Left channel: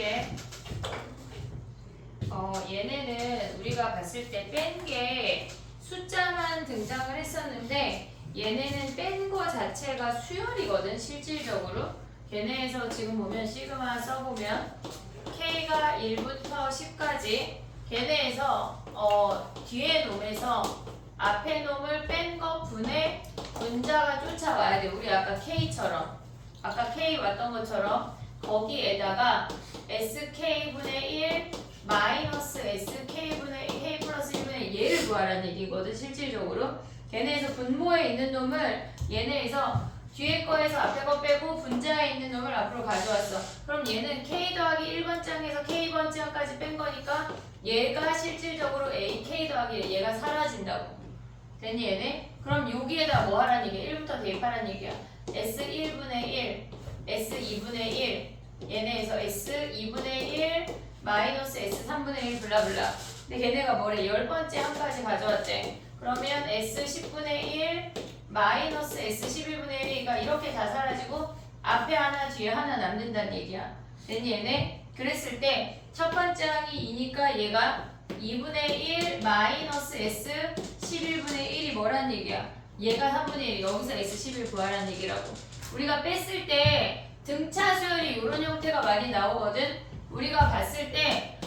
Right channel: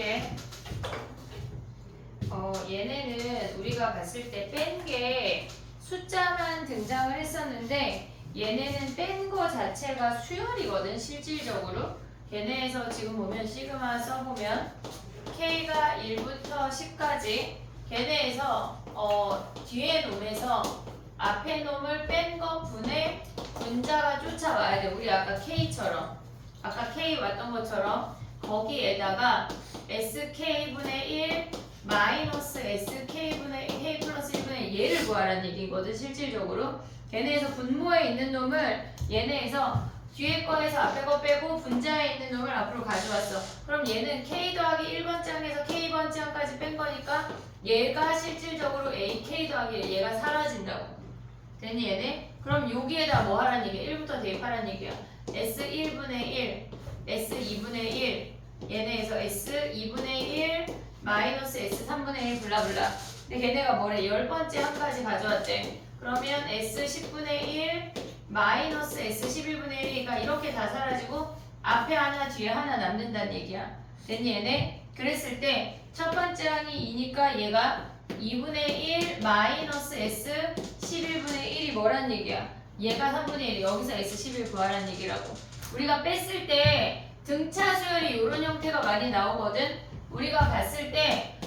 해볼게. 얘네는 우리가 봤을 때 뺀 게 숫자만 등장을 했었는데 얘네는 뺀 거 자체가 수열이거든 실질적으로. 걔네에서 지금 보면 시그마 써보면 K가 1부터 10까지 걔네에서 뒤에 놈에서 앞에 놈을 뺀 거 분의 분자가 쫓아와야 돼. 우리 아까 K처럼 아까 K 왔던 것처럼 거기에다가 SK분의 1 마이너스 SK분의 K 플러스 1분의 얘를 구하라는 얘기거든 실질적으로. 걔네에서 분모에 있는 놈을 얘네에서 뒤에 거에서 앞에 거 빼고 분자에 있는 놈을 앞으로 가져왔어. 그럼 얘는 K 더하기 1번장에서 K번장까지 뺀 거니까 얘가 실질적으로 A K 더하기 얘가 사라진다고. 됐니 얘네? 그럼 여기에다 뭐 하라는 얘기야? 1부터 대입하라는 얘기야. S1분의 1 S2분의 1 얘네에서 S2분의 1 마이너스 S3분의 1 블라블라. 근데 걔네가 뭐래? 10번째 한까지 가져왔대. 그러면 S10분의 1 마이너스 S11분의 1이니까 이렇게 다 사라지고 앞에 하나 뒤에 하나 남는다는 얘기야. 됐니 얘네? 그랬을 때 첫 번째 항이 2니까 얘가 2분의 1 마이너스 S11분의 1이 뭐란 얘기야? 얘가 3분의 1 여기서 S11 구하라는 얘기라고. 우리가 뺐을 때 등차 수열이 이런 형태가 많이 나오거든. 우리가 봤을 때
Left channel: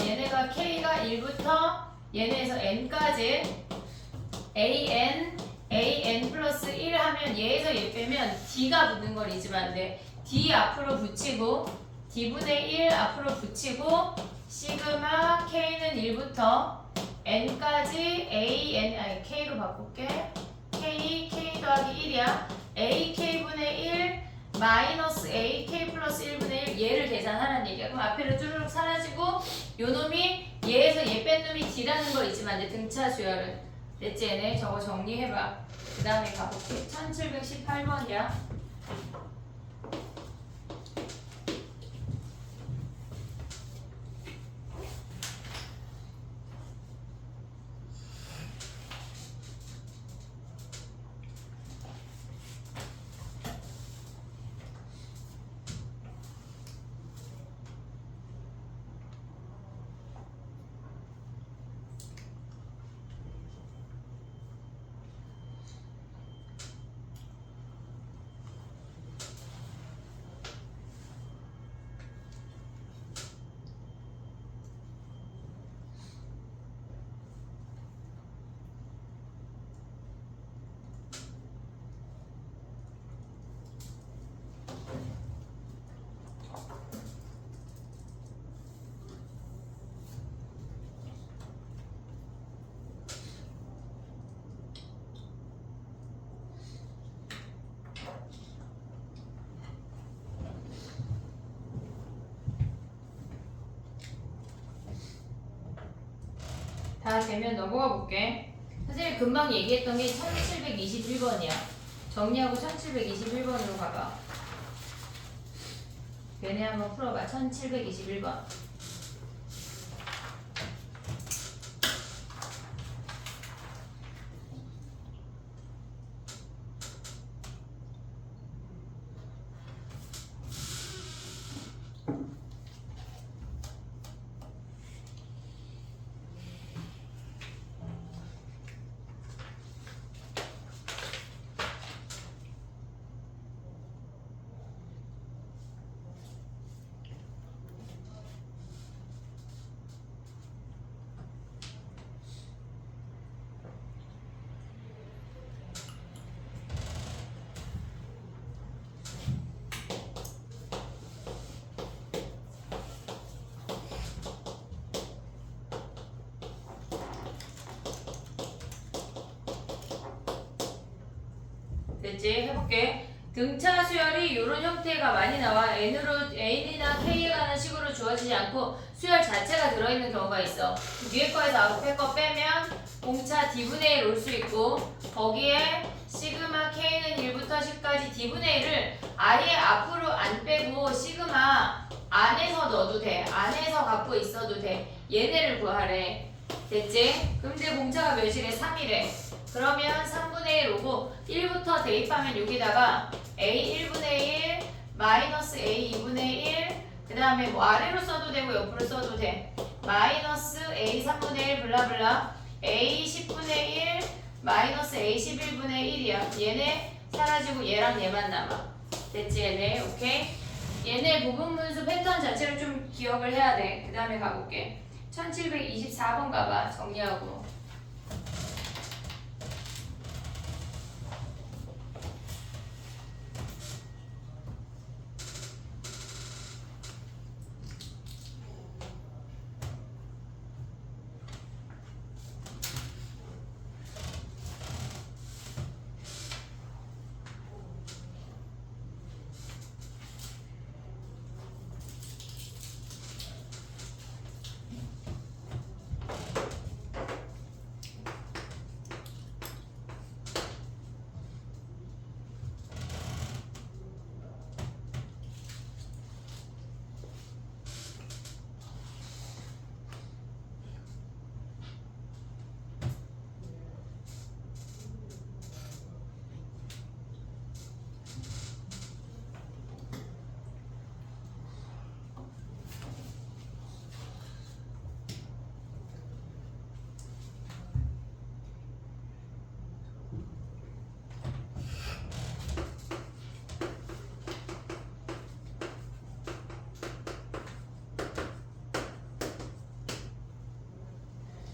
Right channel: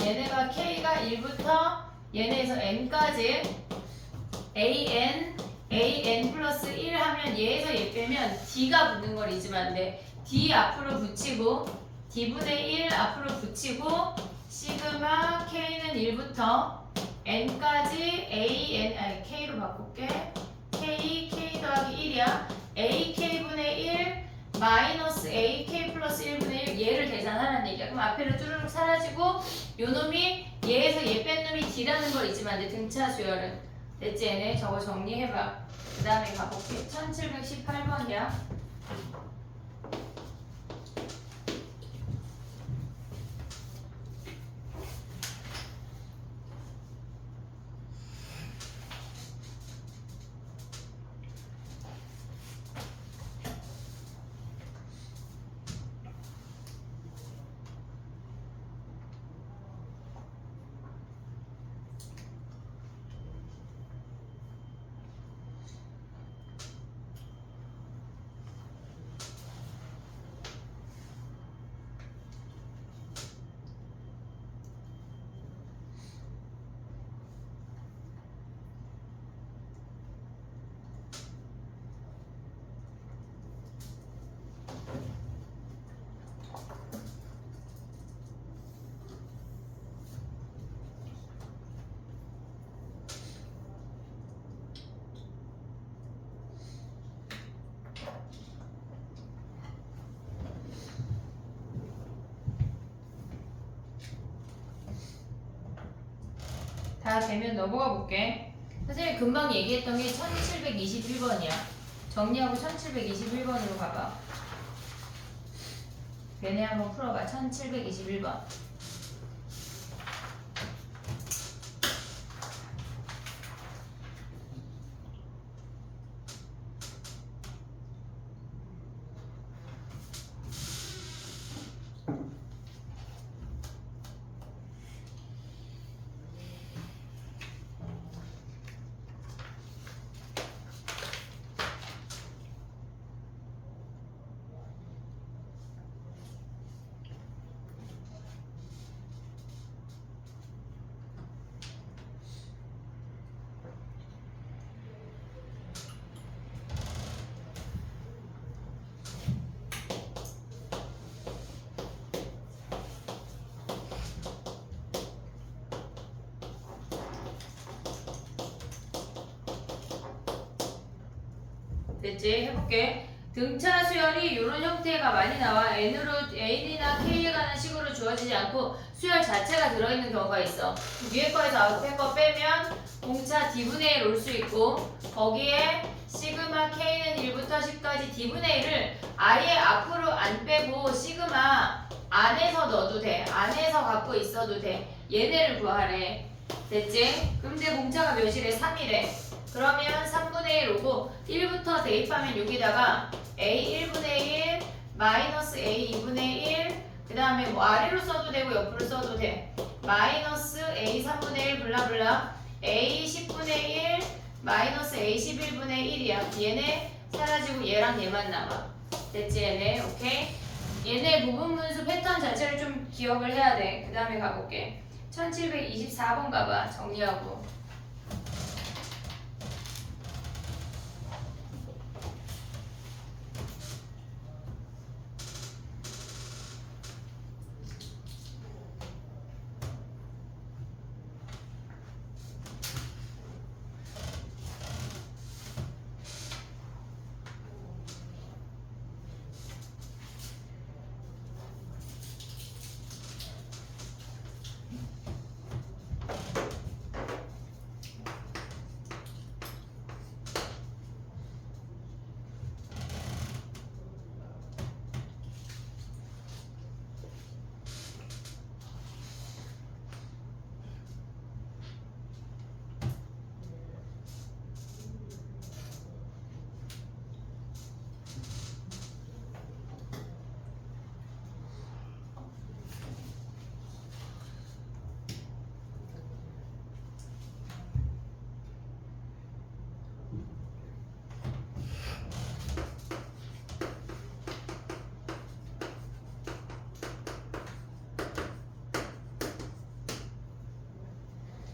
얘네가 K가 1부터 얘네에서 N까지 AN 플러스 1 하면 얘에서 얘 빼면 D가 붙는 걸 잊으면 안 돼. D 앞으로 붙이고 D분의 1 앞으로 붙이고 시그마 K는 1부터 N까지 K로 바꿀게. K 더하기 1이야. AK분의 1 마이너스 AK 플러스 1분의 1 얘를 계산하라는 얘기야. 그럼 앞에로 쭈르륵 사라지고 요 놈이 얘에서 얘 뺀 놈이 D라는 걸 잊으면 안 돼. 등차 수열은. 됐지 얘네? 저거 정리해봐. 그 다음에 가볼게. 1718번이야. 다 되면 넘어가 볼게. 선생님이 금방 얘기했던 게 1721번이야. 정리하고 1721번으로 가봐. 얘네 한번 풀어봐. 1721번. 됐지? 해볼게. 등차 수열이 이런 형태가 많이 나와. N이나 K에 관한 식으로 주어지지 않고 수열 자체가 들어있는 경우가 있어. 위에 거에서 앞에 거 빼면 공차 D분의 1 올 수 있고 거기에 시그마 K는 1부터 10까지 D분의 1을 아예 앞으로 안 빼고 시그마 안에서 넣어도 돼. 안에서 갖고 있어도 돼. 얘네를 구하래. 됐지? 그럼 이제 공차가 몇이래? 3이래. 그러면 3분의 1 오고 1부터 대입하면 여기다가 A 1분의 1 마이너스 A 2분의 1 그 다음에 뭐 아래로 써도 되고 옆으로 써도 돼. 마이너스 a 3분의 1 블라블라 a 10분의 1 마이너스 a 11분의 1이야. 얘네 사라지고 얘랑 얘만 남아. 됐지 얘네? 오케이? 얘네 부분분수 패턴 자체를 좀 기억을 해야 돼. 그 다음에 가볼게. 1724번 가봐. 정리하고.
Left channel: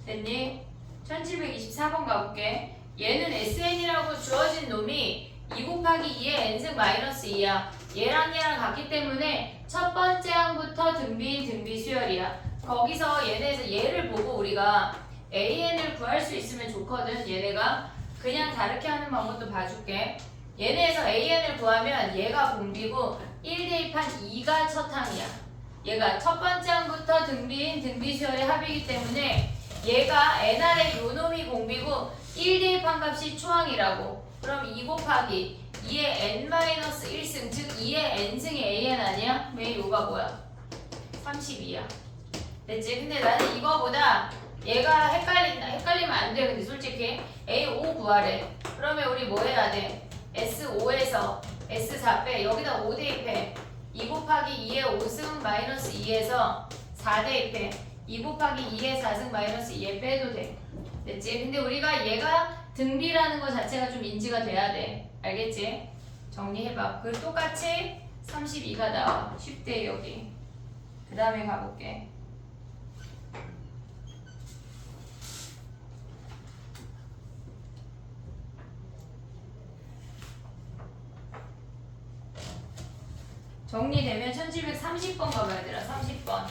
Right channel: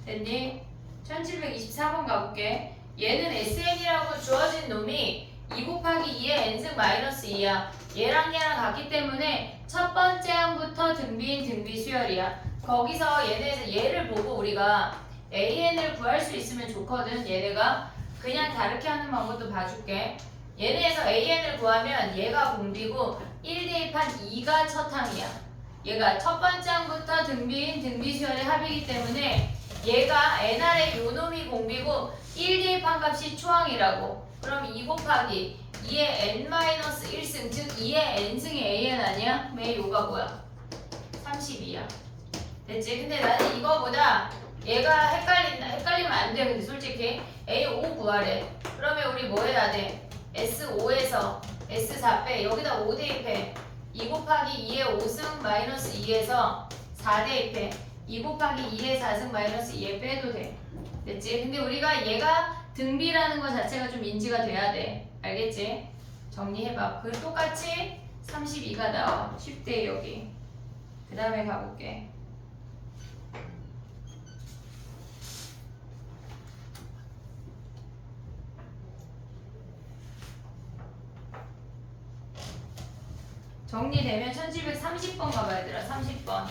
됐니? 1724번 가볼게. 얘는 SN이라고 주어진 놈이 2 곱하기 2의 n승 마이너스 2야. 얘랑 같기 때문에 첫 번째 항부터 등비인 등비 수열이야. 거기서 얘네에서 얘를 보고 우리가 AN을 구할 수 있으면 좋거든. 얘네가 그냥 다르게 하는 방법도 봐줄게. 얘네에서 AN을 구하면 얘가 공비고 1 대입한 2가 첫 항이야. 얘가 첫 번째 항부터 등비인 등비 수열의 합이기 때문에 얘가 nR의 요놈이 공비고 1 대입한 값이 초항이라고. 그럼 2 곱하기 2의 n-1승 즉 2의 n승이 an 아니야? 왜 요가 뭐야? 32야. 됐지? 근데 나는 이거보다 얘가 헷갈리면 안 돼. 근데 솔직히 A5 구하래. 그러면 우리 뭐 해야 돼? S5에서 S4 빼. 여기다 5 대입해. 2 곱하기 2의 5승 마이너스 2에서 4 대입해. 2 곱하기 2의 4승 마이너스 2에 빼도 돼. 됐지? 근데 우리가 얘가 등비라는 거 자체가 좀 인지가 돼야 돼. 알겠지? 정리해봐. 그리고 똑같이 32가 나와. 쉽대 여기. 그 다음에 가볼게. 정리되면 1730번 가봐 얘들아. 30번.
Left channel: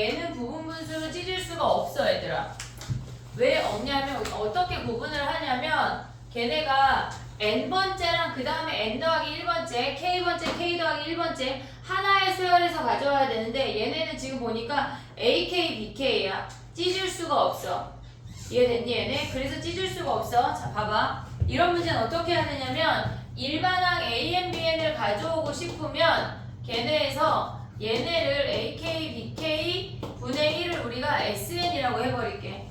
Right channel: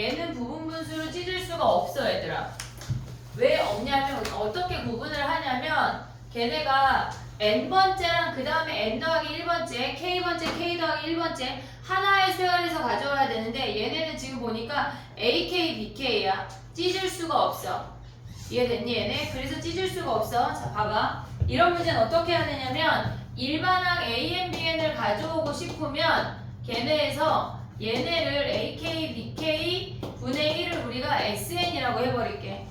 얘는 부분분수로 찢을 수가 없어 얘들아. 왜 없냐면 어떻게 구분을 하냐면 걔네가 n번째랑 그 다음에 n 더하기 1번째 k번째 k 더하기 1번째 하나의 수열에서 가져와야 되는데 얘네는 지금 보니까 ak, bk야. 찢을 수가 없어. 이해됐니 얘네? 그래서 찢을 수가 없어. 자 봐봐. 이런 문제는 어떻게 해야 되냐면 일반항 an, bn을 가져오고 싶으면 걔네에서 얘네를 AK, BK 분의 1을 우리가 SN이라고 해버릴게.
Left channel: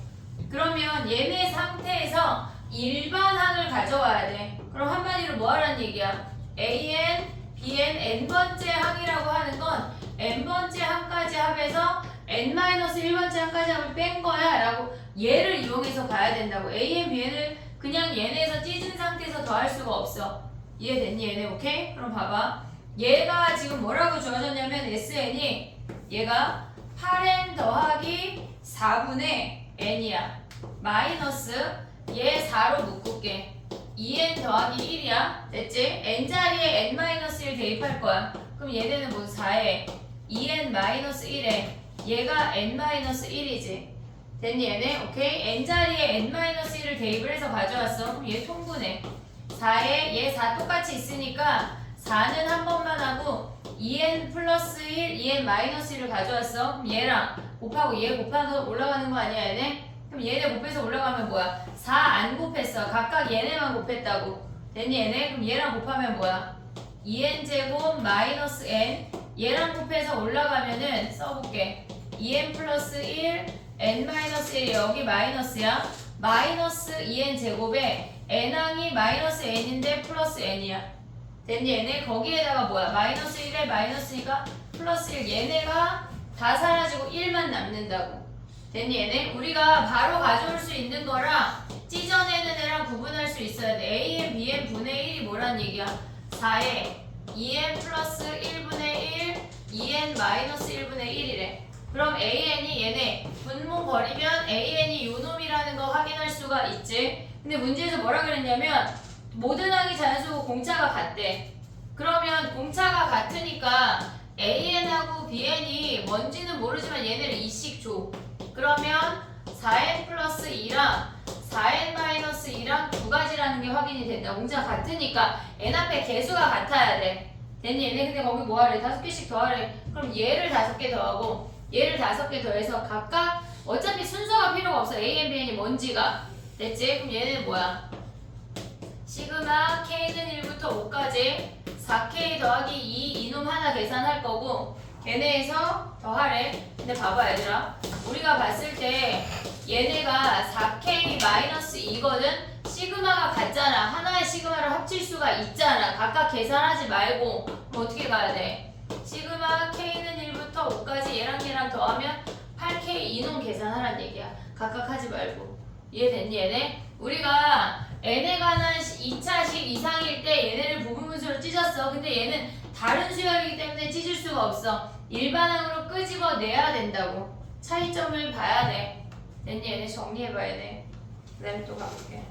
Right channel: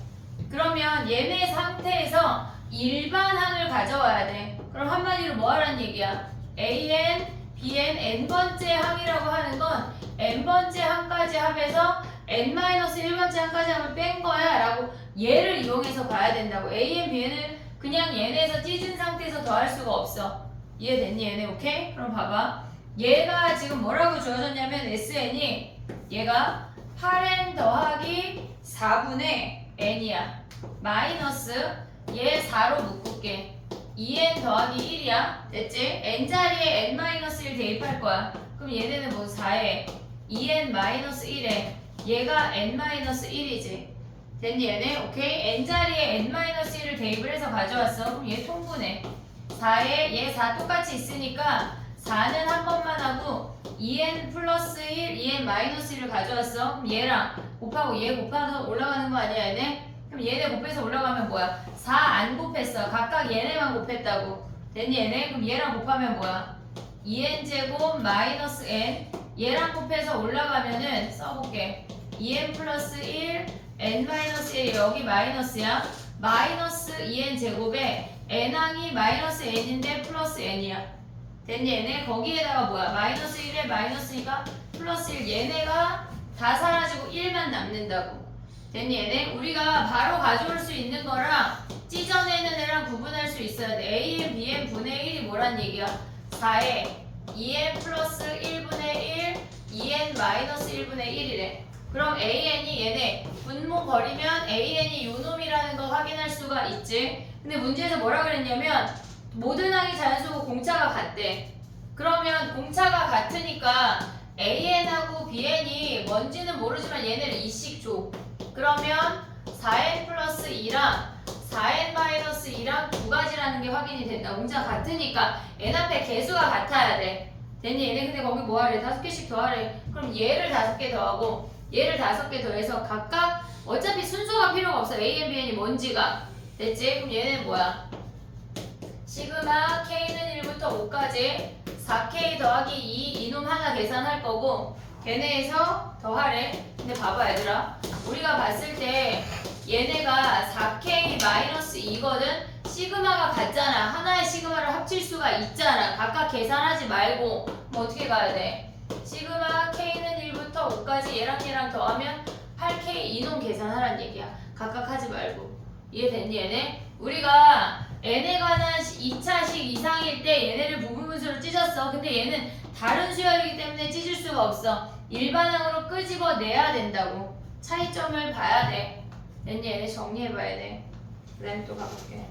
그러면 얘네 상태에서 일반항을 가져와야 돼. 그럼 한마디로 뭐 하라는 얘기야? AN, BN, n번째 항이라고 하는 건 n번째 항까지 합해서 n-1번째 항까지 합을 뺀 거야 라고 얘를 이용해서 가야 된다고. AN, BN을 그냥 얘네에서 찢은 상태에서 더할 수가 없어. 이해됐니 얘네? 오케이? 그럼 봐봐. 얘가 지금 뭐라고 주어졌냐면 SN이 얘가 8n 더하기 4분의 n이야. 마이너스 얘 4로 묶을게. 2n 더하기 1이야. 됐지? n자리에 n-1 대입할 거야. 그럼 얘네는 뭐 4에 2n-1에 얘가 n-1이지. 됐니 얘네? 오케이? n자리에 n-1을 대입을 해서 가져왔어. 그럼 얘 통분해. 4에 얘 4 똑같이 있으니까 4는 한 번만 하고 2n 플러스 1, 2n 마이너스 1을 가져왔어. 그럼 얘랑 곱하고 얘 곱해서 올라가는 거 아니야 얘네? 그럼 얘네 곱해서 올라가면 뭐야? 4 안 곱했어. 각각 얘네만 곱했다고. 됐니 얘네? 그럼 얘랑 곱하면 뭐야? 2n 제곱 마이너스 n 얘랑 곱해서 올라가면은 써볼게. 2n 플러스 1, n 마이너스 1 여기 마이너스야. 마이너스 2n 제곱에 n항이 마이너스 n인데 플러스 n이야. 됐니 얘네? 거기에다가 뭐야? 마이너스 1에 마이너스니까 플러스 1 얘네가 다 사라지고 1만 남는다고. 됐니 얘네? 우리가 바로 가져올 수 있는 거랑 찢어내는 애랑 구분할 수 있어야 돼. AN, BN 분의 1이 뭐란 얘기야? 4에 2n 플러스 1분의 1, 2n 마이너스 1분의 1이래. 그럼 AN이 얘네 분모 버리면 AN이 요놈이라는 거 확인할 수가 있지. 근데 문제에서 뭐라 그랬냐면 모든 항이 자연수고 공차가 같대. 그러면 공차가 같으니까 AN하고 BN이 뭔지는 모르지만 얘네를 2씩 줘. 그러면 4n 플러스 2랑 4n 마이너스 2랑 두 가지라는 게 확인이 된다. 공차가 같으니까 n 앞에 개수가 같아야 돼. 됐니 얘네? 근데 거기 뭐 하래? 5개씩 더하래. 그럼 얘를 5개 더하고 얘를 5개 더해서 각각 어차피 순서가 필요가 없어. AN, BN이 뭔지가. 됐지? 그럼 얘는 뭐야? 시그마 K는 1부터 5까지 4K 더하기 2 이놈 하나 계산할 거고 걔네에서 더하래. 근데 봐봐 얘들아, 우리가 봤을 때 얘네가 4K 마이너스 2거든. 시그마가 같잖아. 하나의 시그마를 합칠 수가 있잖아. 각각 계산하지 말고 뭐 어떻게 가야 돼? 시그마 K는 1부터 5까지 얘랑 더하면 8K 이놈 계산하란 얘기야. 각각 하지 말고. 이해됐니 얘네? 우리가 n에 관한 2차식 이상일 때 얘네를 부분분수로 찢었어. 근데 얘는 다른 수열이기 때문에 찢을 수가 없어. 일반항으로 끄집어내야 된다고. 차이점을 봐야 돼. 됐니 얘네? 정리해봐야 돼. 그 다음에 또 가볼게.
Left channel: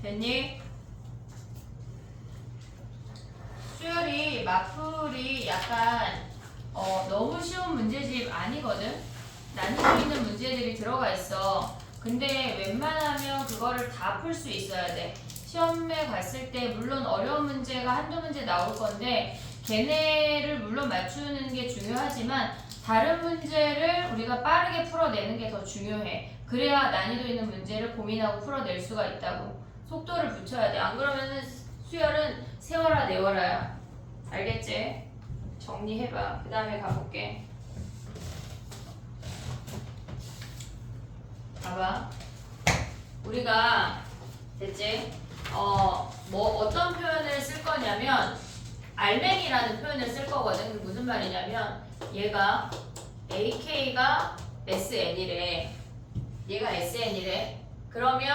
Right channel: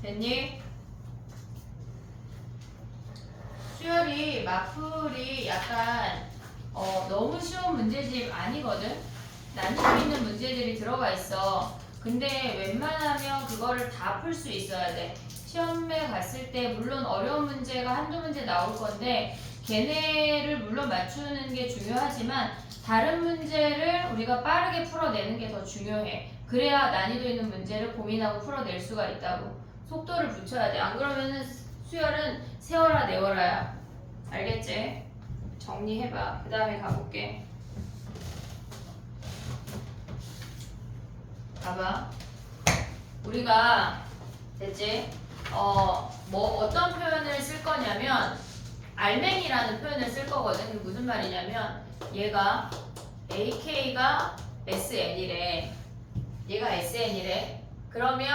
됐니? 수열이 마플이 약간 너무 쉬운 문제집 아니거든? 난이도 있는 문제들이 들어가 있어. 근데 웬만하면 그거를 다 풀 수 있어야 돼. 시험에 갔을 때 물론 어려운 문제가 한두 문제 나올 건데 걔네를 물론 맞추는 게 중요하지만 다른 문제를 우리가 빠르게 풀어내는 게 더 중요해. 그래야 난이도 있는 문제를 고민하고 풀어낼 수가 있다고. 속도를 붙여야 돼. 안 그러면은 수열은 세워라 내워라야. 알겠지? 정리해봐. 그 다음에 가볼게. 봐봐. 우리가 됐지? 뭐 어떤 표현을 쓸 거냐면 알맹이라는 표현을 쓸 거거든. 그게 무슨 말이냐면 얘가 AK가 SN이래. 얘가 SN이래. 그러면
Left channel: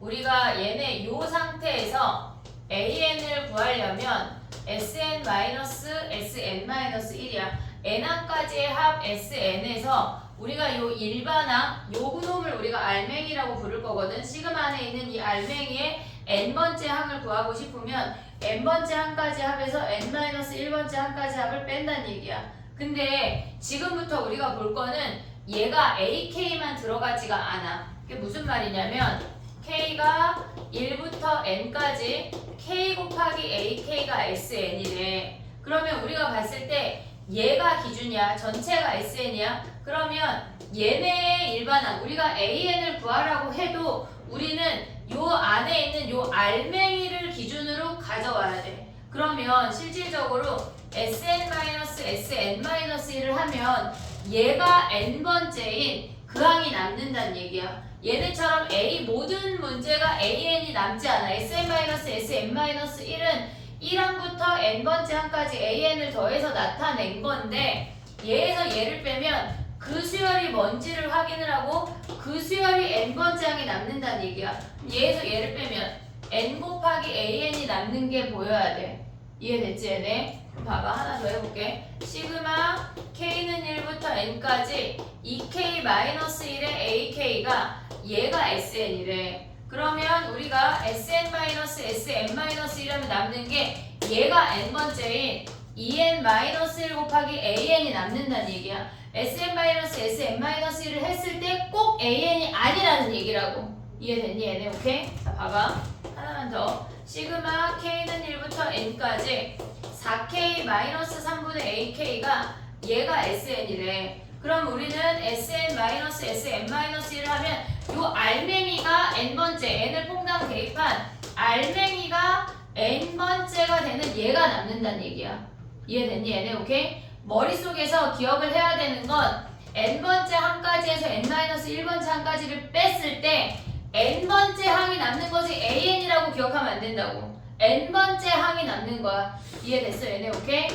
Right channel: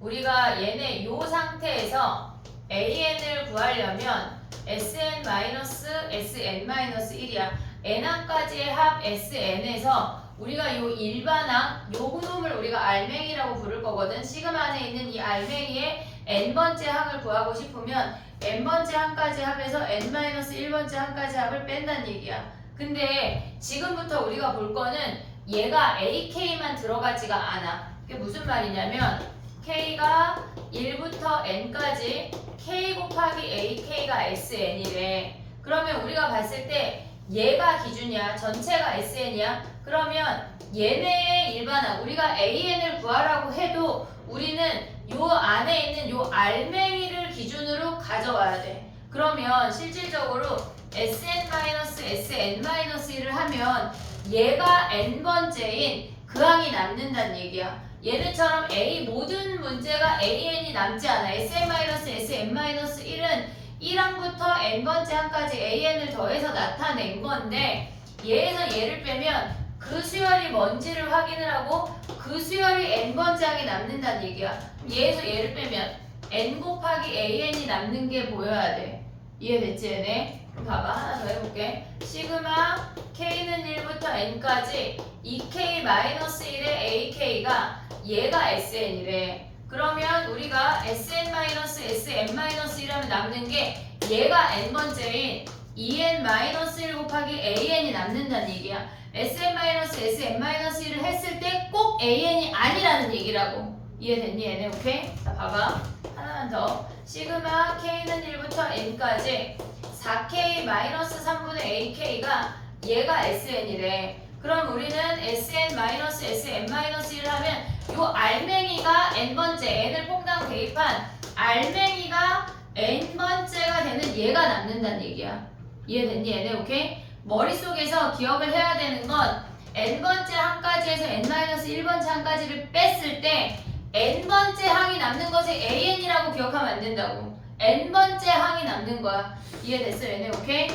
우리가 얘네 요 상태에서 AN을 구하려면 SN-SN-1이야. N항까지의 합 SN에서 우리가 요 일반항, 요 놈을 우리가 알맹이라고 부를 거거든. 시그마 안에 있는 이 알맹이의 n번째 항을 구하고 싶으면 n번째 항까지 합에서 n-1번째 항까지 합을 뺀다는 얘기야. 근데 지금부터 우리가 볼 거는 얘가 AK만 들어가지가 않아. 그게 무슨 말이냐면 K가 1부터 N까지 K 곱하기 AK가 SN이래. 그러면 우리가 봤을 때 얘가 기준이야. 전체가 SN이야. 그러면 얘네의 일반항, 우리가 AN을 구하라고 해도 우리는 요 안에 있는 요 알맹이를 기준으로 가져와야 돼. 그러면 실질적으로 SN-SN-1을 하면 얘가 n번째인 그 항이 남는다는 얘기야. 얘네처럼 A 모든 문제가 AN이 남지 않아. SN-SN-1은 1항부터 n번째 항까지 AN을 더해서 나타낸 건데 얘에서 얘를 빼면 그 수열이 뭔지를 확인을 하고 그 수열이 n번째 항이 남는다는 얘기야. 얘에서 얘를 빼면 n 곱하기 AN이 남는 게 보여야 돼. 이해됐지 얘네? 그럼 봐봐. 하나 더 해볼게. 시그마 K는 1부터 N까지 2K-1의 AK가 얘가 SN이래. 그러면 우리가 SN-SN-1을 하면 남는 게 얘가 N번째인 2N-1 곱하기 AN이 남는다는 얘기야. SN-SN-1을 했을 때 꼭 AN이 아니라는 얘기라고. 이해됐니 얘네? 오케이? 자 봐봐. 하나만 더. 시그마 K는 1부터 N까지 4K-3분의 AK가 얘가 SN이래. 그럼 우리는 SN-SN-1을 하면 요 알맹이가 n번째, n을 퐁당 대입한 알맹이가 n번째가 되는 얘가 남는다는 얘기야. 이해됐니 얘네? 오케이? 머릿속에서 기억을 해야 되는 건 n번째 항까지에서 n-1번째 항까지를 뺐을 때 n번째 항이 남는 것이 AN이라고 기억하면 안 된다고. n번째 항이 남는 거야. 이해됐어 얘네? 오케이?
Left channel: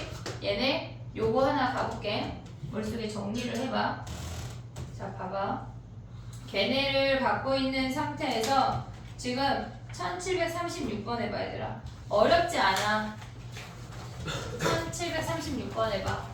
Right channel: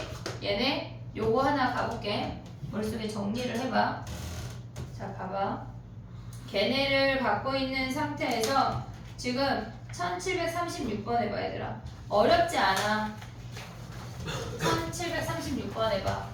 얘네 요거 하나 가볼게. 머릿속에 정리를 해봐. 자 봐봐. 걔네를 갖고 있는 상태에서 지금 1736번 해봐 얘들아. 어렵지 않아. 1736번 해봐.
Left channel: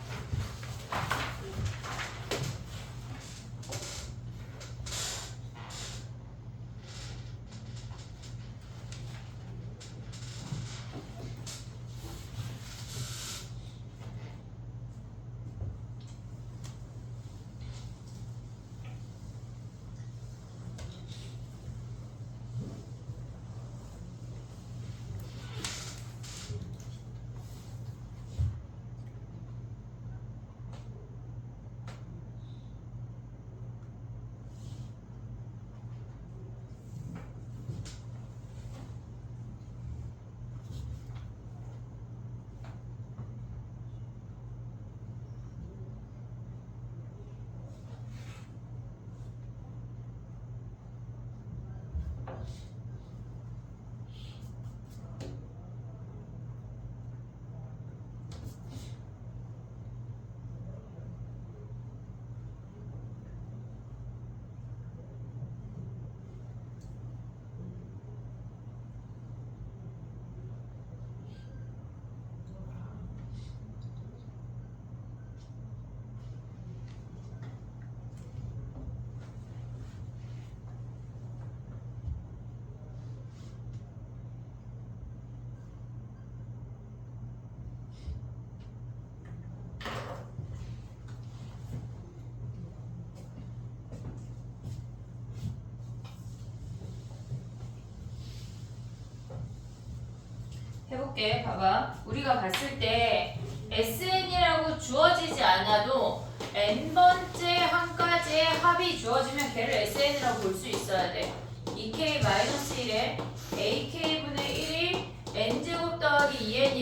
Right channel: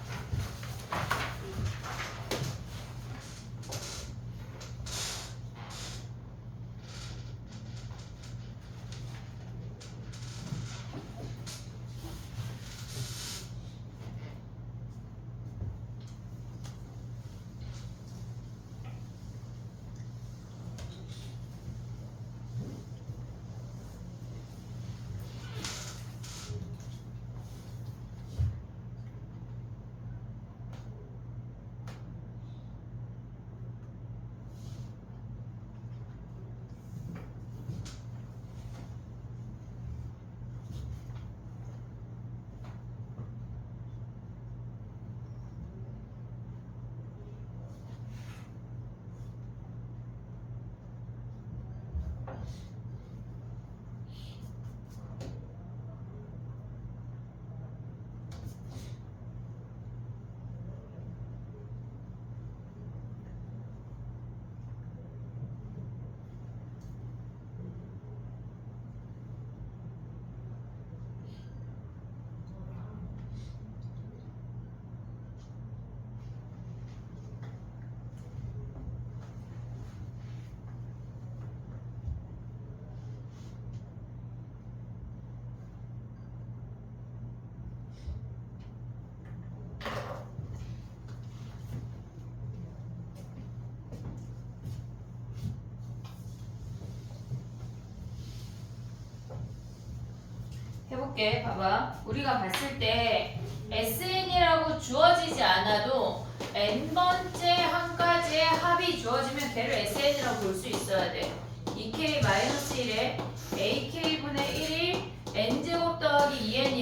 해볼게. 봐봐. 우리가 봤을 때 SN이라고 주어지지 않아도 n번째 항까지의 합이 주어지면 걔를 SN이라고 볼 수 있어야 돼. 2K-1에 AK분의 1이 n제곱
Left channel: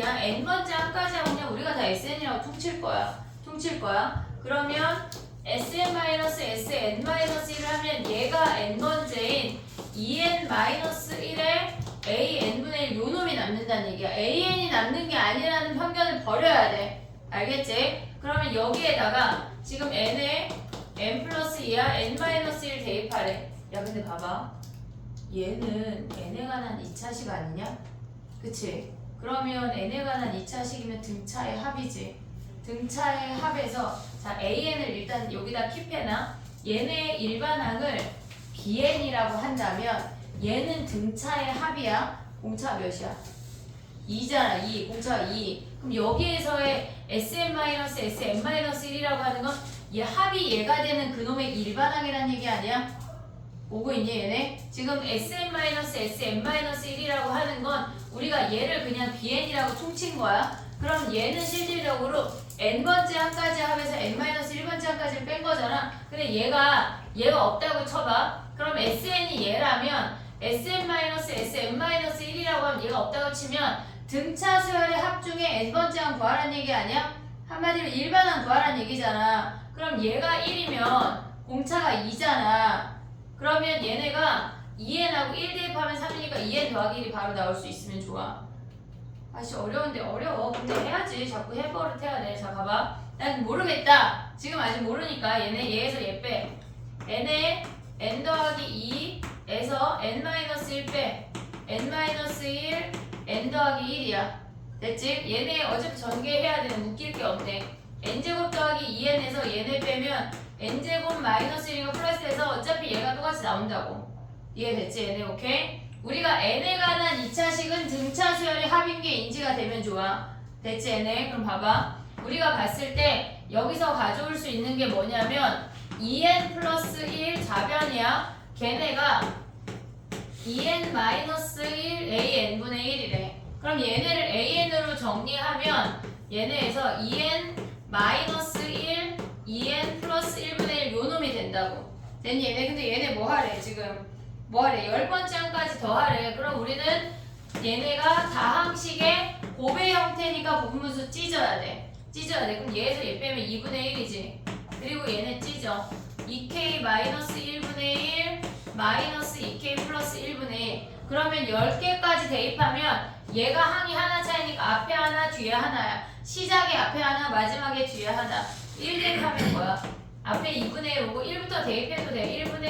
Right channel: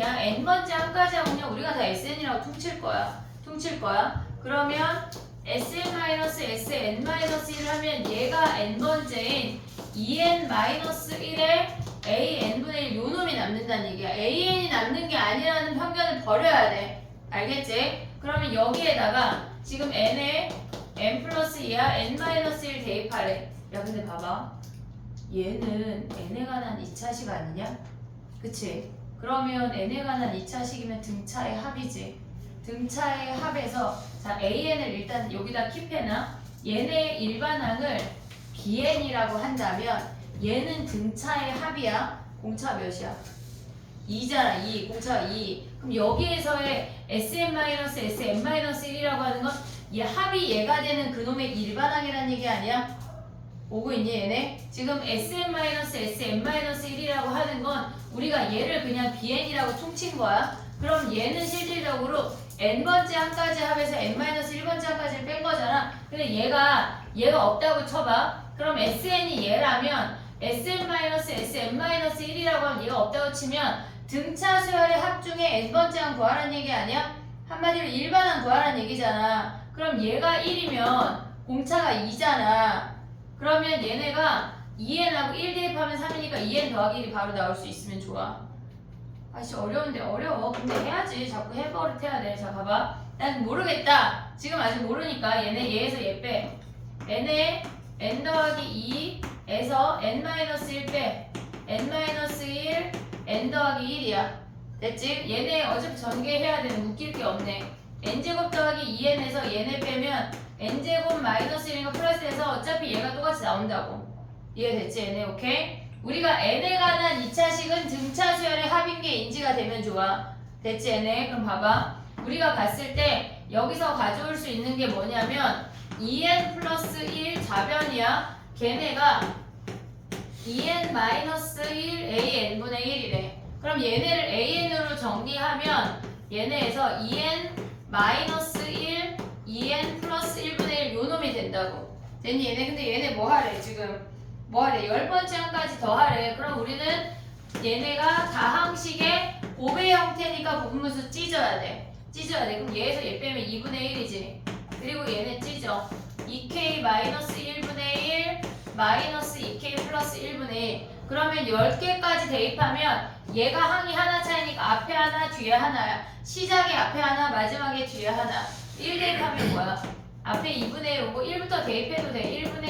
뭐냐? n번째 항까지 하면 우리가 다 sn이라고 퉁칠 거야. 그러면 sn-sn-1을 하면 얘가 n번째인 2n-1의 an분의 1 요놈이 남는다는 얘기야. an이 남는 게 아니라는 편견을 버려야 돼. 알겠지? 그러면 여기에다가 지금 n에 n 플러스 2야 n-1 대입하래. 야 근데 봐봐. 얘는 n에 관한 2차식 아니냐? 그치? 그러면 n에 관한 2차식이면 등차의 합이지. 등차의 합에서 자 an을 일단 여기다 킵해놔. 얘네 일반항을 bn이라고 한다면 얘는 등차의 합이야. 공차 몇이야? 2잖아. 2. 공차가 2. 그럼 여기에서의 sn-sn-1이라고 하는 건 얘 합이 얘가 되는 그놈의 일반항이라는 얘기 아니야? 오고 있니 얘네? 지금 sn-sn-1이라고 하는 건 우리가 얘를 그냥 bn이라고 퉁친 거야. 그럼 얘는 실질적으로 n번째 항까지 합해서 n-1번째 항까지를 뺀 거잖아. 근데 얘가 없다고 쳐봐. 그럼 sn이 얘라면 sn-sn-1이라고 하면 얘가 없다고 치면 등차 수열의 합 중에 n번째 항 구하라는 얘기 아니야? 한마디로 일반항 구하라는 얘기잖아. 그럼 얘가 1이면 공차가 2잖아. 그러면 얘네가 2n하고 1 대입하면 3이니까 2n 더하기 1이 바로 나올 수 있으면 좋아. 아씨 어려운데 어려워. 근데 해야지. 자꾸 해버릇 해야 돼. 자 봐봐. 난 모르겠다. 지금 아직 모르니까 얘에서 얘 빼. n에 n 더하기 2에서 n-1 빼. n-1 n 더하기 1이야. 됐지? 얘네 어차피 전개해야 되는 웃길 게 없네. n제곱 더하기 2n에서 얘네 빼면 n제곱 마이너스 1이니까 플러스해서 어차피 얘가 똑같이 나온다고. 이해됐지? 얘네 오케이? 우리가 n에 관한 2차식은 등차 수열의 합인 게 인지가 되면 좋아. 됐지 얘네? 그럼 봐봐. 우리가 봤을 때 여기서 가져올 수 있는 게 뭐냐면 2n 플러스 1 좌변이야. 걔네가 2n 마이너스 1 an분의 1이래. 그럼 얘네를 an으로 정리하면 얘네에서 2n 마이너스 1 2n 플러스 1분의 1 요놈이 된다고. 됐니 얘네? 근데 얘네 뭐 하래 지금? 뭐 하래? 10번째 항까지 더 하래. 그럼 우리는 얘네가 다항식의 곱의 형태니까 부분분수 찢어야 돼. 그럼 얘에서 얘 빼면 2분의 1이지. 그리고 얘네 찢어. 2k 마이너스 1분의 1 마이너스 2k 플러스 1분의 1. 그러면 10개까지 대입하면 얘가 항이 하나 차이니까 앞에 하나 뒤에 하나야. 시작에 앞에 하나 마지막에 뒤에 하나. 1 대입하면 뭐야? 앞에 2분의 1 오고 1부터 대입해도 돼. 1분의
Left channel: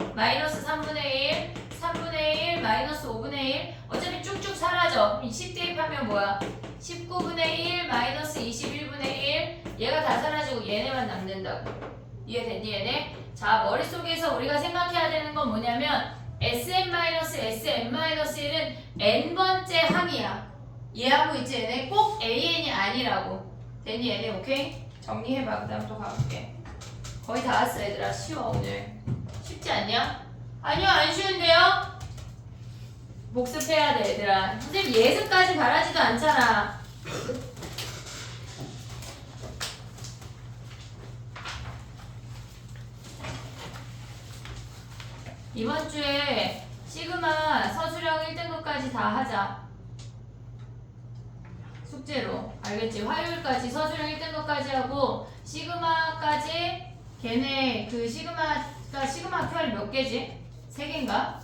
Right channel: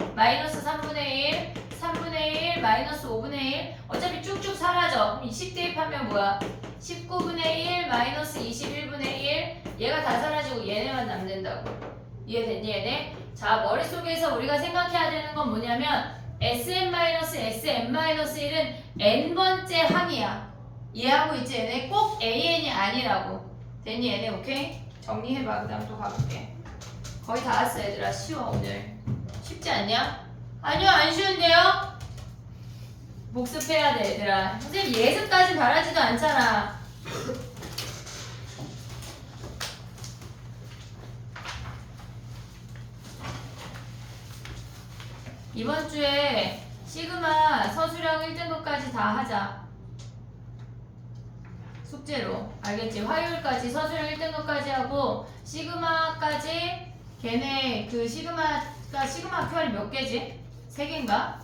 1 마이너스 3분의 1 3분의 1 마이너스 5분의 1 어차피 쭉쭉 사라져. 10 대입하면 뭐야? 19분의 1 마이너스 21분의 1 얘가 다 사라지고 얘네만 남는다고. 이해됐니 얘네? 자 머릿속에서 우리가 생각해야 되는 건 뭐냐면 sn-sn-1은 n번째 항이야. 이해하고 있지 얘네? 꼭 an이 아니라고. 됐니 얘네? 오케이? 정리해봐. 그 다음 또 가볼게. 거의 다 왔어 얘들아. 쉬워 오늘. 쉽지 않냐? 아니요 안 쉬운데요? 복습해야 돼 얘들아. 선생님 예습까지 바라지도 않잖아. 이번 주에 시그마 서술형 1등급까지 다 하자. 숙제로. 알겠지? 화요일까지 서술형 1등급까지 하고 시그마까지 걔네 그 시그마 QR 몇 개지? 3개인가?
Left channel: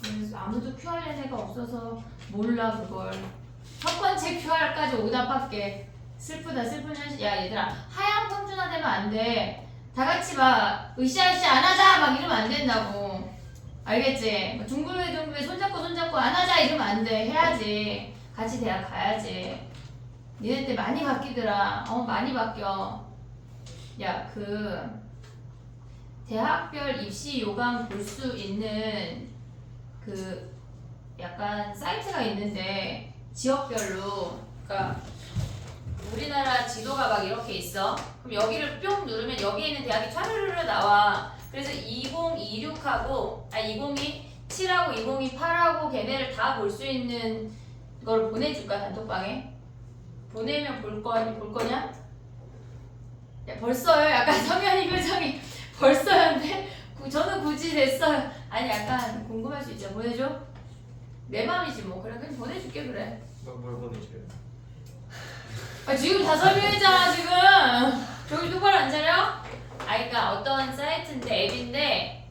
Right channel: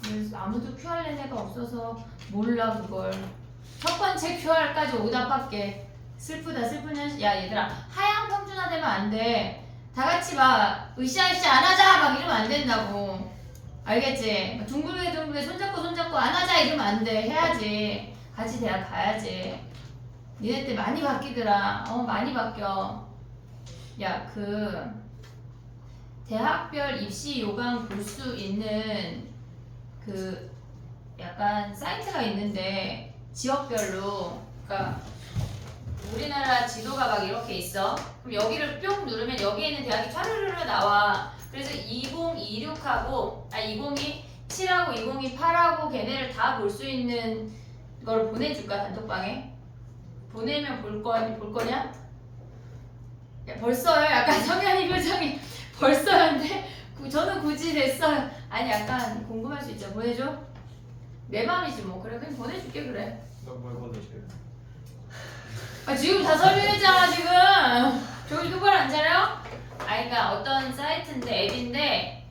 그래서 아무도 QR 낸 애가 없어서 몰라 그걸. 첫 번째 QR까지 오답할게. 슬픈 현실. 야 얘들아 하향 평준화 되면 안 돼. 다 같이 막 으쌰으쌰 안 하자 막 이러면 안 된다고. 알겠지? 둥글게 손잡고 안 하자 이러면 안 돼. 해야지. 같이 대학 가야지. 니네 때 많이 바뀌더라. 많이 바뀌어. 야 대학별 입시 요강 볼 수 있는 약간 사이트가 있는데 지역별로 그러니까 우리나라 지도가 막 이렇게 있어. 그럼 여기를 뿅 누르면 여기에 있는 대학이 촤르르르 나와. 그래서 2026하고 2027하고 2028하고 걔네를 다 볼 수 있는 걸 보내줄까 단톡방에? 보내면 볼 거냐? 야 벌써요? 약간 성현이 표정이 벌써였는데? 저는 굳이 됐어요. 아니 약간 궁금할 수 있죠. 보내줘? 내 맘이지 뭐. 그래 그냥 보내줄게 그래. 뭘 보내줘요? 아, 지금 다 설명했잖아 지금. 저기 똑바로 앉아요? 그러니까 어떤 사이트인데 앱인데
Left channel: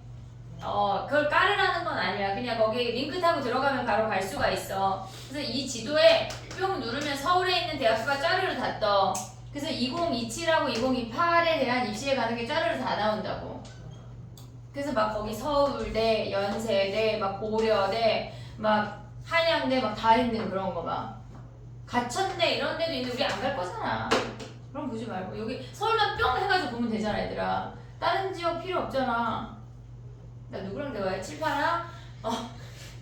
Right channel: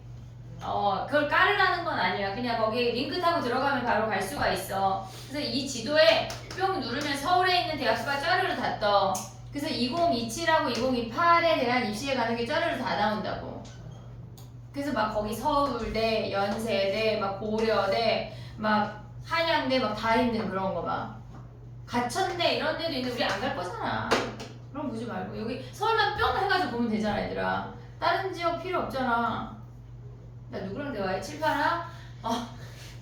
그걸 깔으라는 건 아니야. 그냥 거기 링크 타고 들어가면 바로 갈 수가 있어. 그래서 이 지도에 뿅 누르면 서울에 있는 대학교가 짜르르 다 떠. 그래서 2027하고 2028에 대한 입시에 가는 게 짜르르 다 나온다고. 그래서 막 거기 서울대, 연세대, 막 고려대, 막 한양대 막 다 있는 그런 거 막. 가천대 이런 데도 있는데 우리 안 갈 거잖아. 그럼 보지 말고 여기 서울만 뿅 해가지고 보면 되잖아 얘들아. 다른 지역 필요 없잖아. 나 누구랑 대화해? 칠파랑?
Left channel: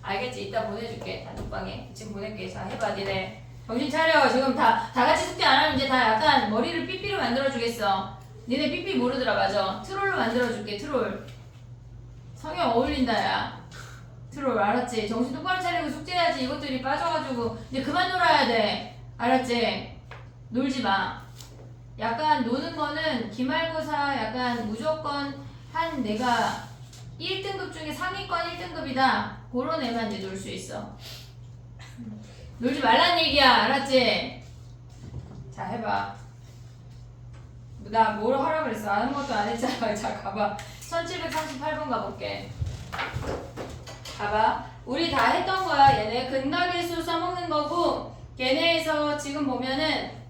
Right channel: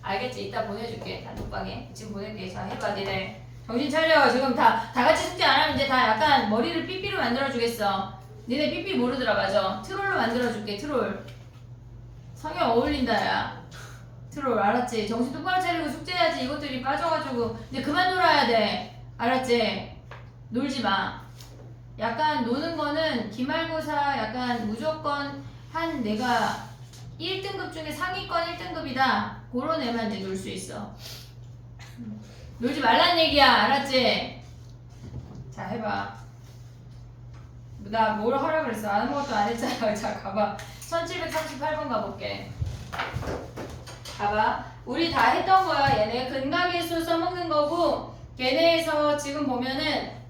알겠지. 이따 보내줄게 단톡방에. 지금 보낼게. 자 해봐 니네. 정신 차려. 지금 다 같이 숙제 안 하면 이제 다 약간 머리를 삐삐로 만들어주겠어. 니네 삐삐 모르더라. 맞아. 트롤로 만들어줄게. 트롤. 성형 어울린다 야. 트롤 알았지? 정신 똑바로 차리고 숙제해야지. 이것들이 빠져가지고 이제 그만 놀아야 돼. 알았지? 놀지 마. 약간 노는 거는 기말고사 약간 무조건 한 내가 1등급 중에 상위권 1등급이다. 그런 애만 이제 놀 수 있어. 놀지 말란 얘기야. 알았지? 자 해봐. 나 뭘 하라 그랬어? 아무것도 안 했잖아. 자 가봐. 1738번 가볼게. 봐봐. 우리 다 했던 거야. 얘네 근각일수 써먹는 거고 걔네에서 지금 보면은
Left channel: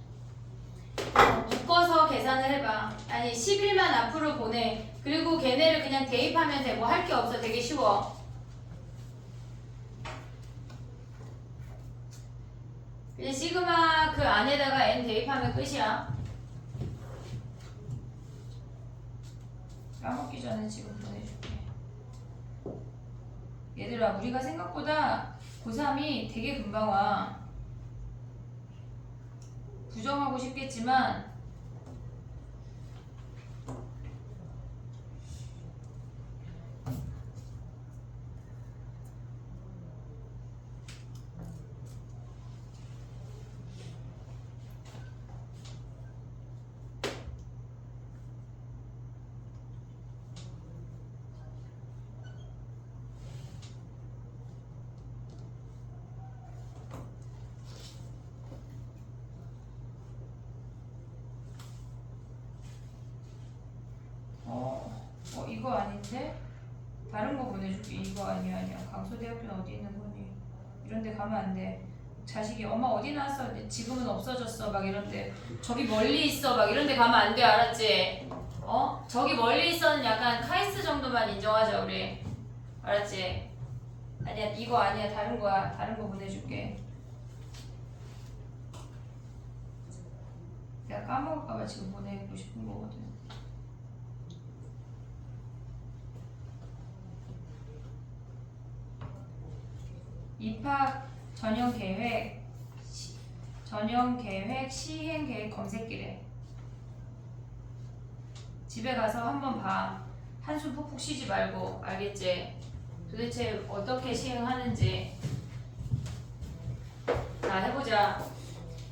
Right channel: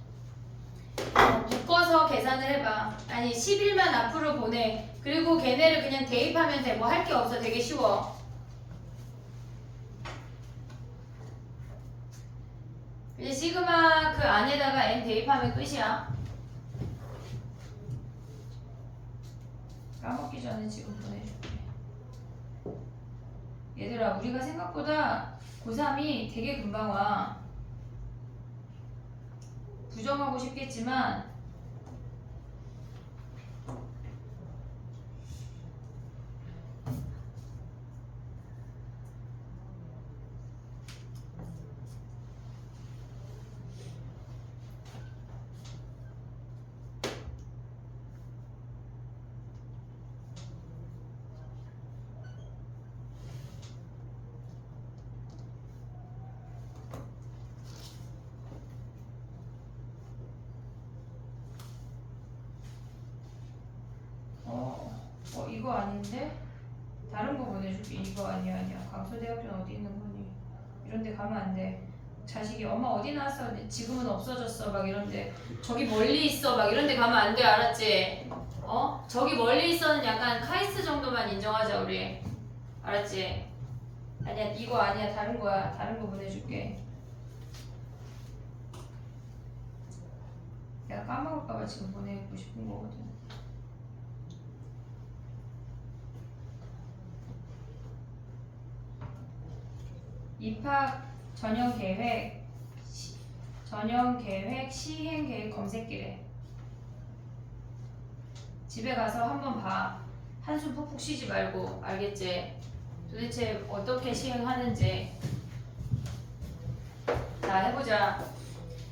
묶어서 계산을 해봐. 아니 10일만 앞으로 보내. 그리고 걔네를 그냥 대입하면 돼. 뭐 할 게 없어. 되게 쉬워. 이제 시그마 그 안에다가 n 대입하면 끝이야. 까먹기 전에 지금 보내줄게. 얘들아 우리가 생각보다 고3이 되게 금방 와. 부정하고 싶겠지만 이거 아닌데? 다른 거 보내줄게. 이거 아니야. 강서대학교는 어디 있는 거니? 이런 데 가면 안 돼. 자식이 엄마 어디 나왔어? 지금은 없어졌어. 막 이런데 저기 멀리 있어. 막 이런 데 가면 안 돼. 알았지? 저기 멀리 있어는 약간 카이스트 정도만 인정하자 우리. 알았지? 아니야 이거 아니야. 다른 거야. 다른 거 보내줄게. 내가 까먹을까봐 지금 보내고 싶은 거거든. 입학 전형 계획 시행 계획 검색기래. 집에 가서 한번 봐. 한숨 푹푹 쉬지 말고. 알겠지? 도대체 어떻게 시행하는지. 자 해보자.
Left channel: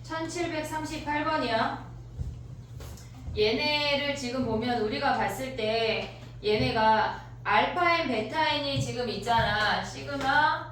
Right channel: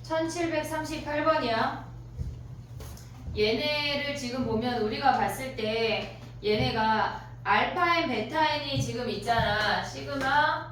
1738번이야. 얘네를 지금 보면 우리가 봤을 때 얘네가 알파 n 베타 n이 지금 있잖아. 시그마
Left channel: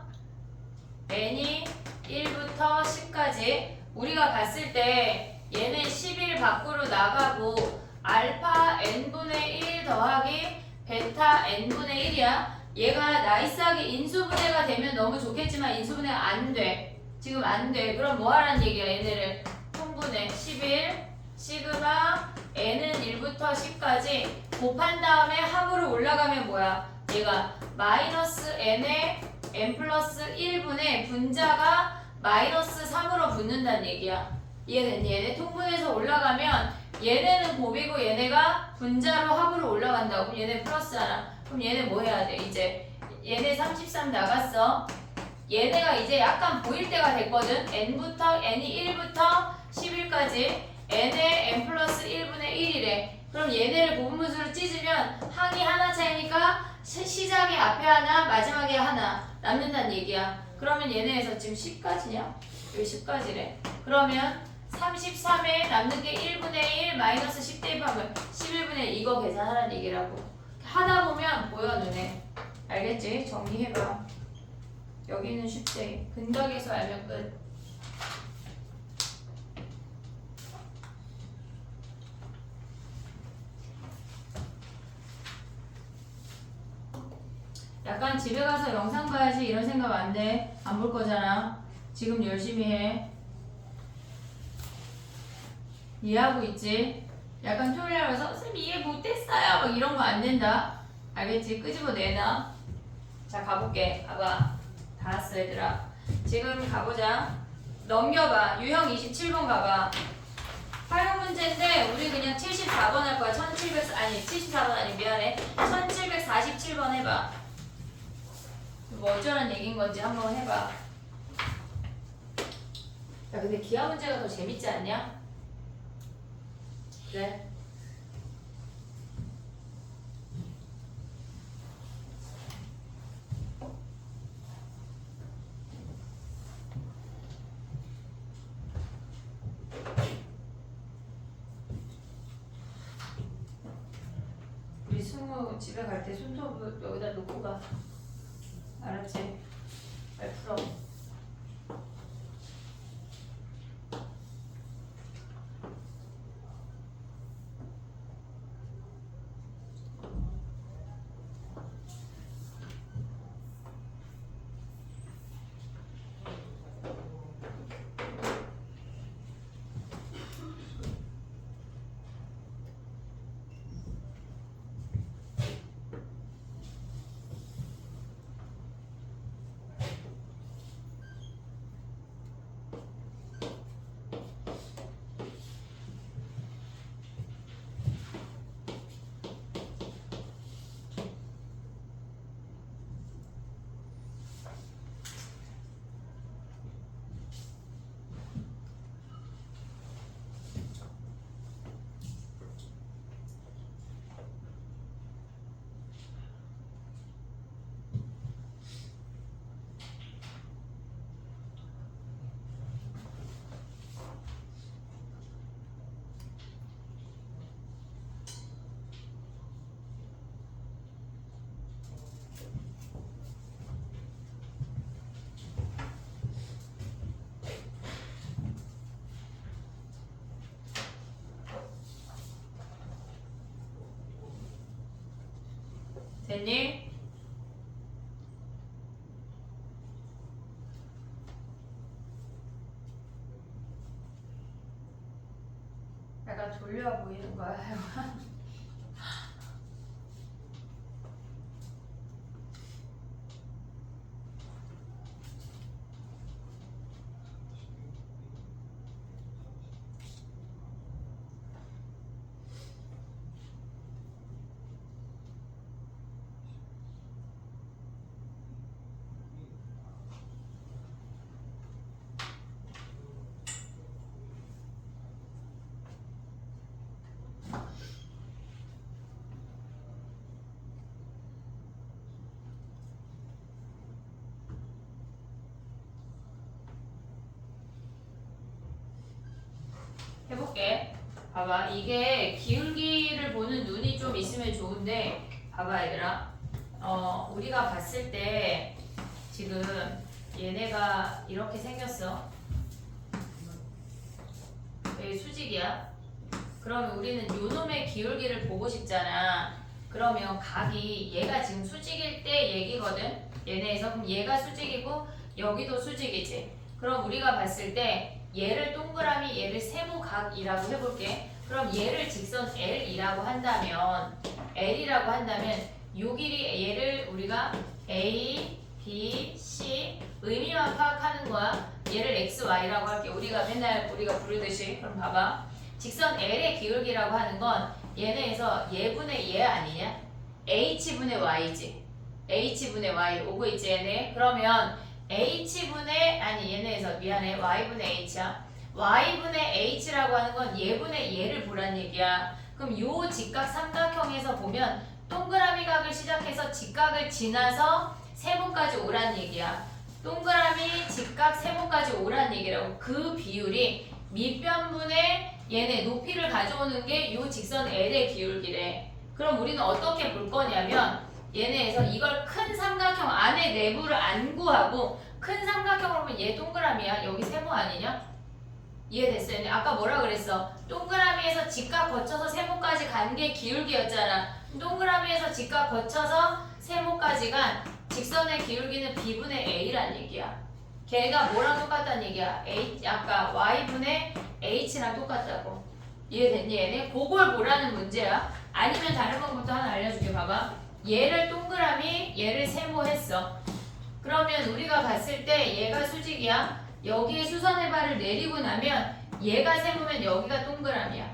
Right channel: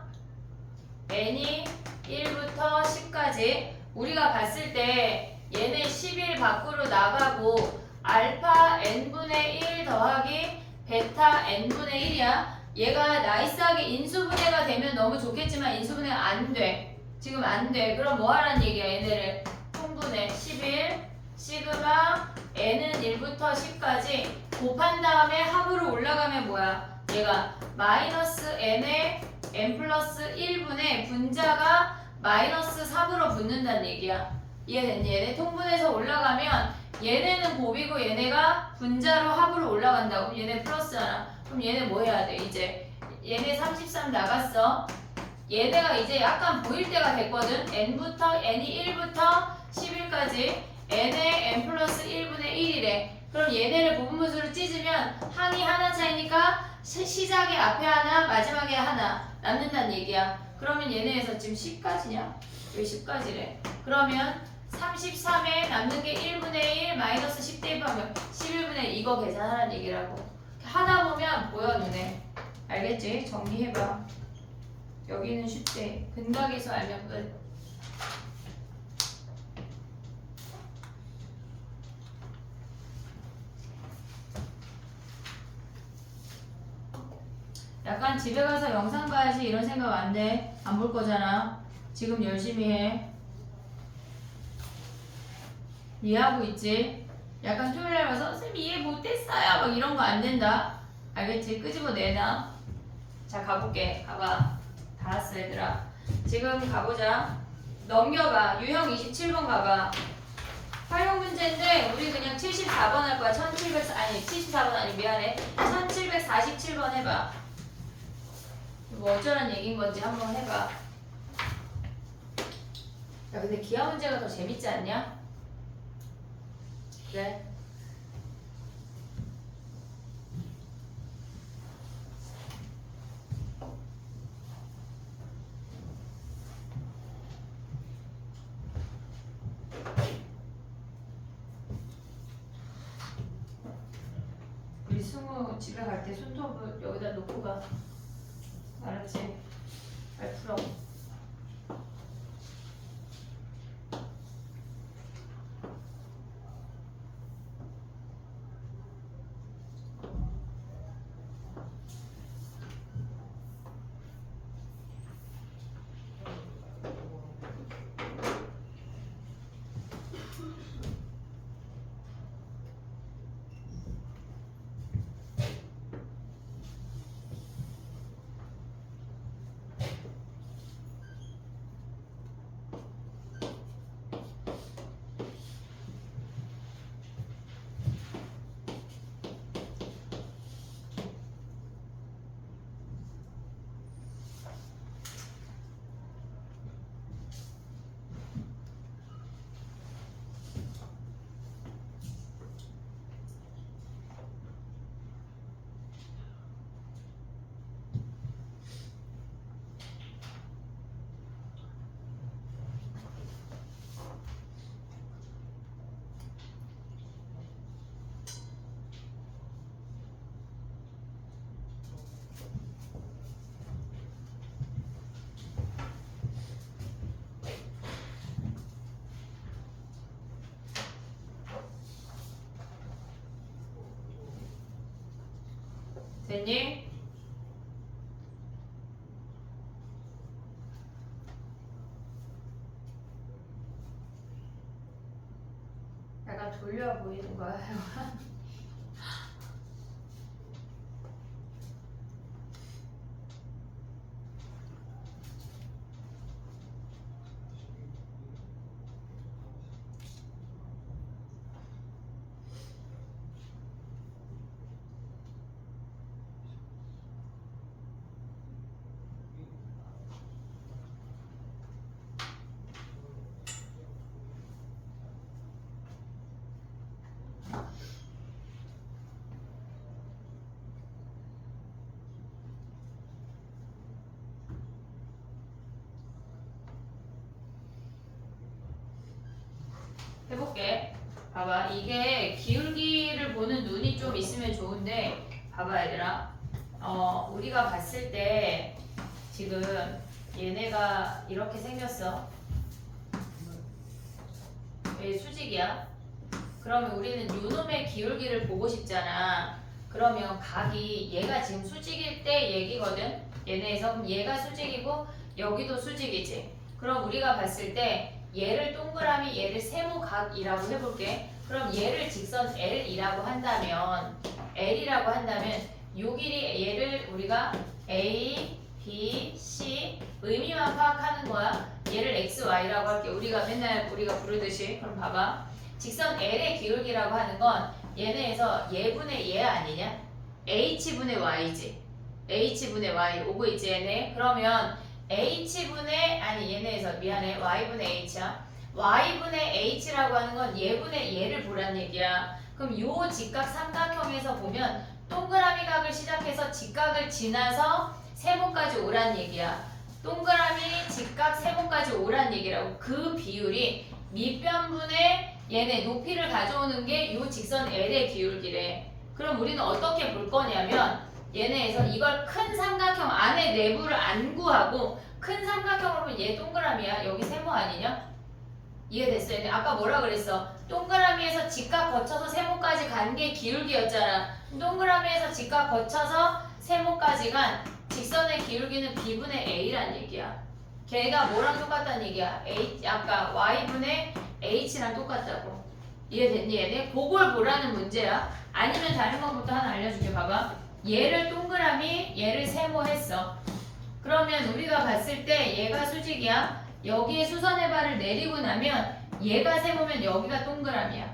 n이 1부터 10까지. 우리가 봤을 때 얘네 11 밖으로 나가고 알파 n분의 1 더하기 베타 n분의 1이야. 얘가 나이스하게 인수분해가 되면 너무 좋겠지만 인수분해 안 돼. 지금 안 돼. 그럼 뭐 하란 얘기야. 얘네를 통분해 11 시그마 n은 1부터 10까지 곱한 다음에 합으로 올라가면 뭐야. 얘가 마이너스 n에 n 플러스 1분의 분자가 마이너스 3으로 붙는다는 얘기야. 이해됐니? 얘네 통분해서 올라가면 얘네는 곱이고 얘네가 분자로 합으로 올라간다고. 그럼 얘네 플러스 하나. 그럼 얘네 뭐 해야 돼? 이제 얘네 33 나갔어. 얘네가 이제 약간 보일 때가 됐거든. n이 1부터 11까지 n에 n 플러스 1분의 1이래. 그럼 얘네를 부분분수로 찢으면 항이 하나 차이니까 시작에 앞에 하나 마지막에 하나 남는다는 얘기야. 그러면 얘네에서 지금 10까지냐? 여기 10까지래. 그러면 33에 남는 게 1분의 1 마이너스 10 대입하면 11분의 1 이거 계산하라는 얘기라고. 하다 보면 보여 눈에. 알겠지? 정리해봐. 여기는 쉽대. 근각에서 알면 끝. 약간 집에 가서 영상 봐야지 이런 생각 안 돼. 안 볼 거잖아. 지금 열심히 해. 이해하고 있지? 약간 토요일날 와서 선생님 이해 못했어요 막 이런 거 안 된다. 알겠지? 끄집어 내놔. 자 가볼게. 봐봐. 다 왔어 얘들아. 지금 가보자. 넘겨봐. 유형 27번 가봐. 활용 문제인데 우리 그냥 74번 할 거야. 74번 아니 미안해. 1747번 해봐. 뭐 어쩌란 얘기인 건지 한번 해봐. 야 근데 기하 문제가 더 재밌지 않냐? 그래. 우리 승우 집에 갈 때 손톱을 여기다 놓고 가. 알았지? 잘 풀어. 됐니? 약간 졸려 보이는 거야. 해볼게. 봐봐. 이게 기울기를 보는 눈이 좀 있으면 좋은데 봐봐 얘들아. 우리가 봤을 때 지금 얘네가 이렇게 생겼어. 여기 수직이야. 그러면 우리는 요놈의 기울기를 보고 싶잖아. 그러면 각이 얘가 지금 수직일 때 얘기거든. 얘네에서 그럼 얘가 수직이고 여기도 수직이지. 그럼 우리가 봤을 때 얘를 동그라미 얘를 세모각이라고 해볼게. 그럼 얘를 직선 L이라고 한다면 요 길이 얘를 우리가 A, B, C 의미만 파악하는 거야. 얘를 X, Y라고 할게. 우리가 맨날 부르듯이. 그럼 봐봐. 직선 L의 기울기라고 하는 건 얘네에서 얘분의 얘 아니냐? H분의 Y지. H분의 Y 오고 있지 얘네. 그러면 얘네에서 미안해. Y분의 H야. Y분의 H라고 하는 건 얘분의 얘를 보란 얘기야. 그럼 요 직각 삼각형에서 보면 동그라미 각을 시작해서 직각을 지나서 세모까지 오란 얘기야. 동그라미 직각 세모까지 오란 얘기라고. 그 비율이 밑변분의 얘네 높이를 가져오는 게 요 직선 L의 기울기래. 그럼 우리는 어떻게 볼 거냐면 얘네에서 이걸 큰 삼각형 안에 내부를 안 구하고 큰 큰 삼각형으로 보면 얘 동그라미야. 여기 세모 아니냐? 이해됐어요? 근데 아까 뭐라 그랬어? 동그라미에서 직각 거쳐서 세모까지 간 게 기울기였잖아. 동그라미에서 직각 거쳐서 세모까지 간 직선의 기울기는 b분의 a란 얘기야. 걔가 뭐랑 똑같다는 얘기야? 아까 y분의 h랑 똑같다고. 이해됐니 얘네? 그걸 보라는 문제야. 아니면 다른 방법도 하나 알려줄게. 봐봐. 얘를 동그라미, 얘를 세모 했어. 그러면 우리가 봤을 때 얘가 수직이야. 여기에 수선의 발을 내리고 나면 얘가 세모면 여기가 동그라미야.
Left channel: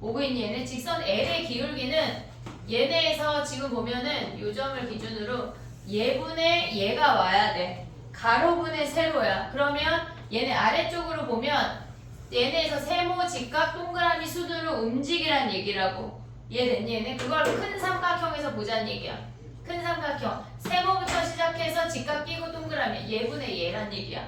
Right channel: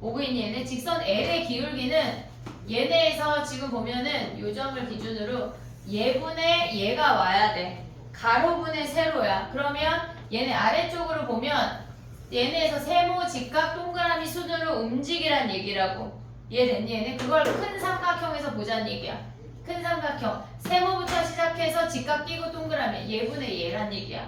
오고 있니 얘네? 직선 L의 기울기는 얘네에서 지금 보면은 요 점을 기준으로 얘분의 얘가 와야 돼. 가로분의 세로야. 그러면 얘네 아래쪽으로 보면 얘네에서 세모, 직각, 동그라미 순으로 움직이란 얘기라고. 이해됐니 얘네? 그걸 큰 삼각형에서 보자는 얘기야. 큰 삼각형. 세모부터 시작해서 직각 끼고 동그라미. 얘분의 얘란 얘기야.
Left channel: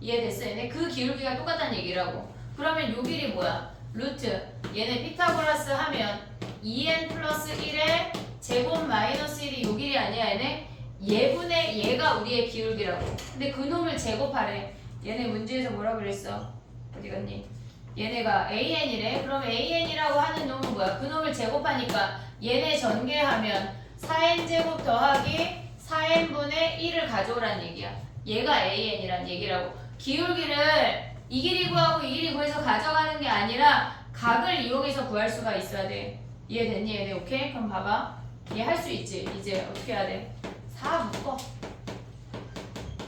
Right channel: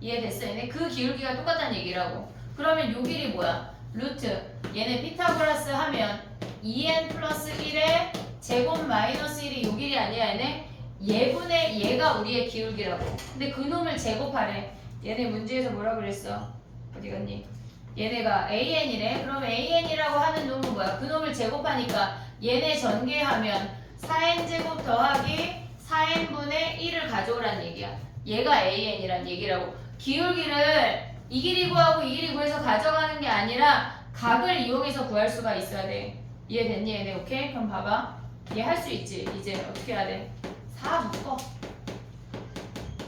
이해됐어 얘네? 그 기울기가 똑같다는 얘기라고. 그러면 요 길이 뭐야? 루트. 얘네 피타고라스 하면 2n 플러스 1의 제곱 마이너스 1이 요 길이 아니야 얘네? 얘분의 얘가 우리의 기울기라고. 근데 그 놈을 제곱하래. 얘네 문제에서 뭐라 그랬어? 어디 갔니? 얘네가 an이래. 그럼 an이라고 하는 놈은 뭐야? 그 놈을 제곱하니까 얘네 전개하면 4n제곱 더하기 4n분의 1을 가져오란 얘기야. 얘가 an이란 얘기라고. 기울기를 이 길이 구하고 이 길이 구해서 가져가는 게 아니라 각을 이용해서 구할 수가 있어야 돼. 이해됐니 얘네? 오케이? 그럼 봐봐. 얘 할 수 있지? 이제 어떻게 해야 돼? 4 묶어.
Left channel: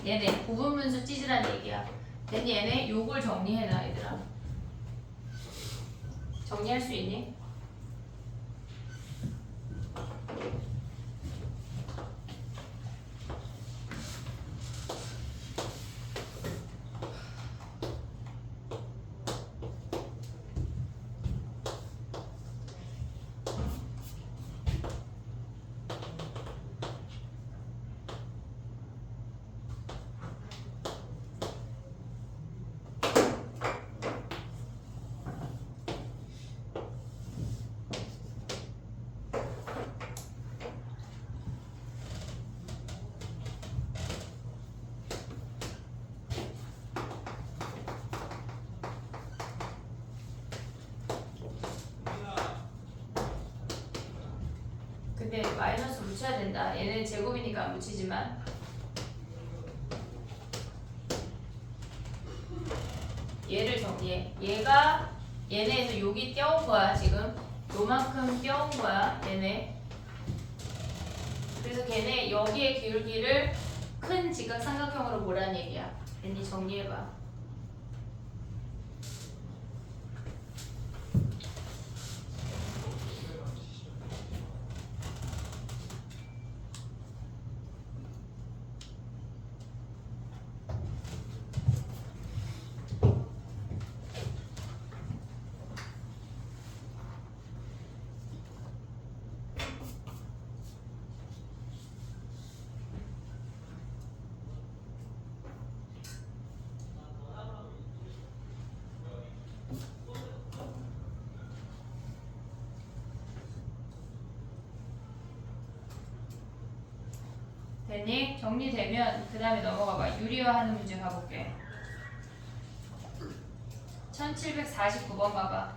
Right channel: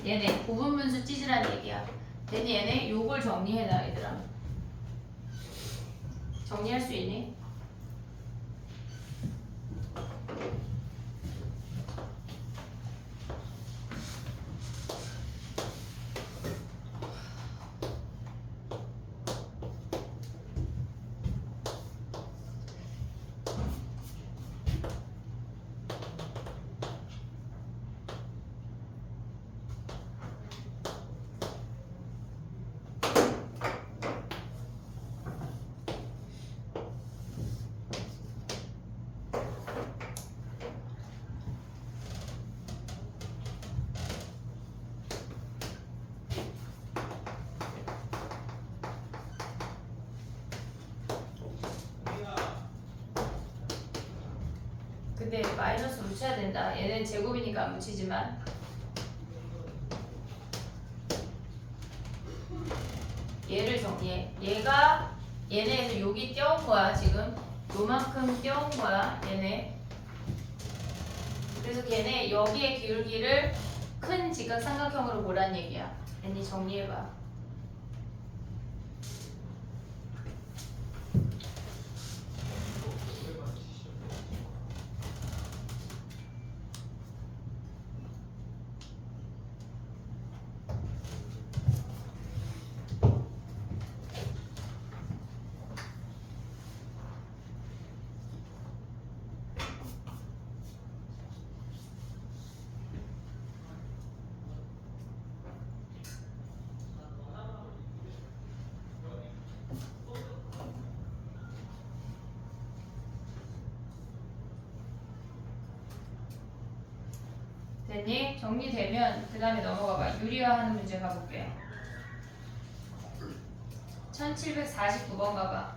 얘네 부분분수 찢으란 얘기야. 됐니 얘네? 요걸 정리해놔 얘들아. 정리할 수 있니? 근데 마이너스 묻혀야 된다. 얘는 제곱이니까 안 묻히지만 얘를 정리해. 얘가 얘네에서 여기 떼온 거야 지금. 요만큼 떼온 거야 얘네. 그래서 걔네 여기에 기울기를 큰 직각삼각형으로 보란 얘기야. 얘네 정리해봐. 됐니? 정리되면 그 다음에 넘어가봐. 유리화하는 문제 가볼게. 1749번 가봐.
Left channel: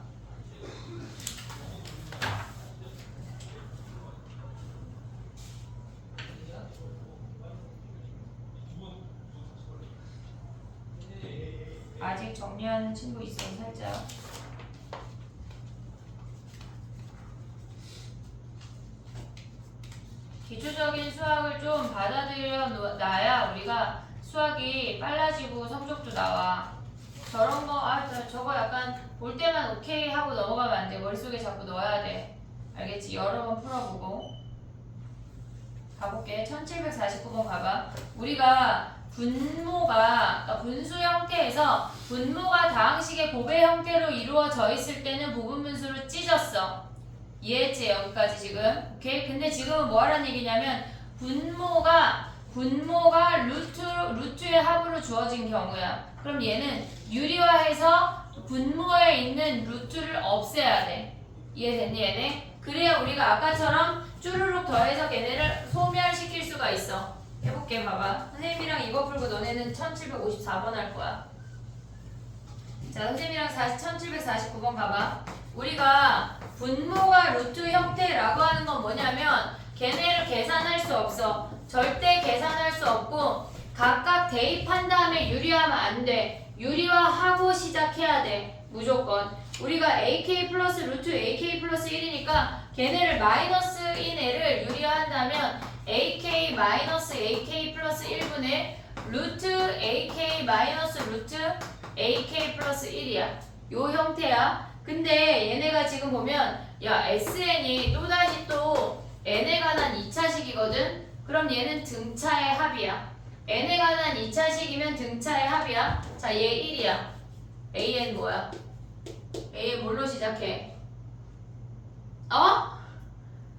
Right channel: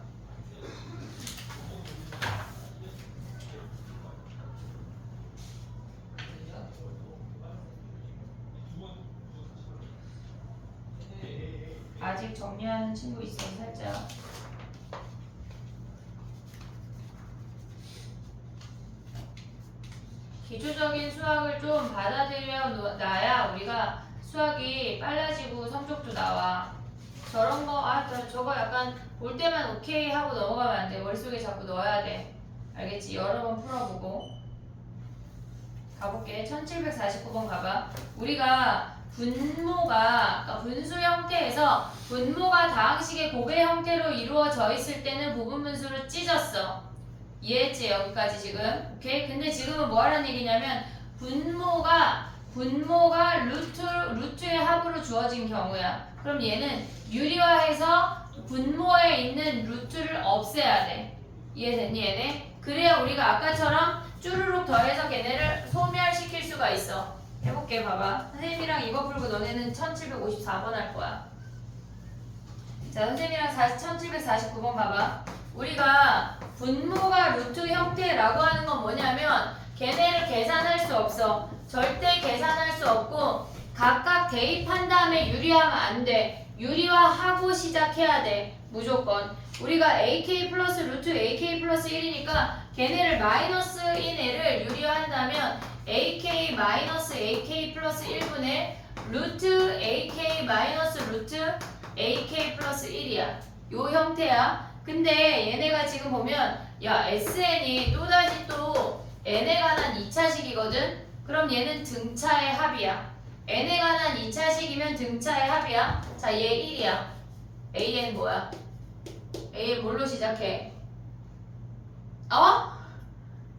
아직 정리하는 친구 있으면 살짝. 기초적인 수학을 좀 받아들여 놔야 우리가 수학이 빨라지고 성적도 나와. 저런 거, 저거 약간 볼 때만 오케이 하고 넘어가면 안 돼. 머릿속에 자꾸 넣어야 돼. 알겠지? 여러 번 풀어보고. 가볼게. 1749번 가봐. 우리가 분모가, 그러니까 분수 형태에서 분모가 다항식의 곱의 형태로 이루어져 있을 때는 부분분수로 찢었어. 이해했지? 여기까지 지금. 오케이? 근데 지금은 뭐 하라는 얘기냐면 분모가 루트의 합으로 주어진 경우야. 그럼 얘는 유리화해서 분모에 있는 루트를 없애야 돼. 이해됐니 얘네? 그래야 우리가 아까처럼 쭈루룩 더해서 걔네를 소멸시킬 수가 있어. 해볼게. 봐봐. 선생님이랑 이거 풀고 너네는 1754번 할 거야. 자, 선생님이랑 1749번 봐봐. 우리가 분모가 루트 형태라고 하는 건 뭐냐면 걔네를 계산할 수 없어. 절대 계산할 수 없고 각각 대입한 다음에 유리하면 안 돼. 유리화하고 시작해야 돼. 무조건. 우리가 AK 플러스 루트 AK 플러스 1이니까 걔네를 마이너스인 애를 유리화한다면 AK 마이너스 AK 플러스 1분의 루트 AK 마이너스 루트 AK 플러스 1이야. 요 형태야. 근데 얘네가 지금 보면 야 SN이 또다시 또 n에 관한 2차식이거든. 그럼 얘는 등차의 합이야. n에 관한 2차식이면 등차의 합이야. 자, 얘 1이야. an 뭐야? an 뭘로 시작해?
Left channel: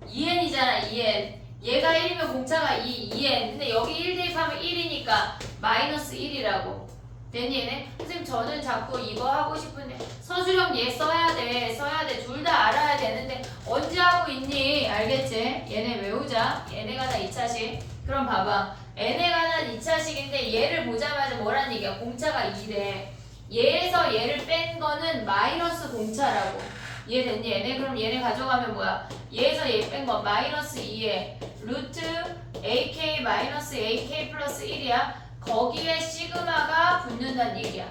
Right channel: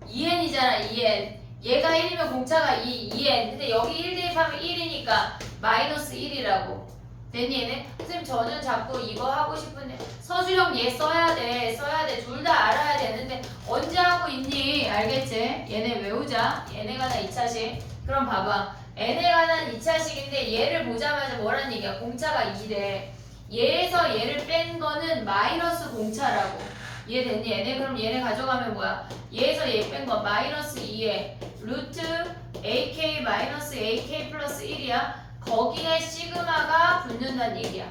2n이잖아. 2n. 얘가 1이면 공차가 2n. 근데 여기 1 대입하면 1이니까 마이너스 1이라고. 됐니 얘네? 선생님 저는 자꾸 이거 하고 싶은데 서술형 얘 써야 돼. 써야 돼. 둘 다 알아야 되는데 언제 하고 있니? 알겠지? 얘네 외우자. 얘네 관한 2차식. 그럼 봐봐. n에 관한 2차식인데 얘를 보자마자 뭐란 얘기야? 공차가 2래. 얘에서 얘를 뺀 거는 마이너스 공차라고. 이해됐니 얘네? 그럼 얘네 가져가면 뭐야? 얘에서 얘 뺀 거 마이너스 2에 루트 ak 마이너스 ak 플러스 1이야. 거기에 시그마가 붙는다는 얘기야.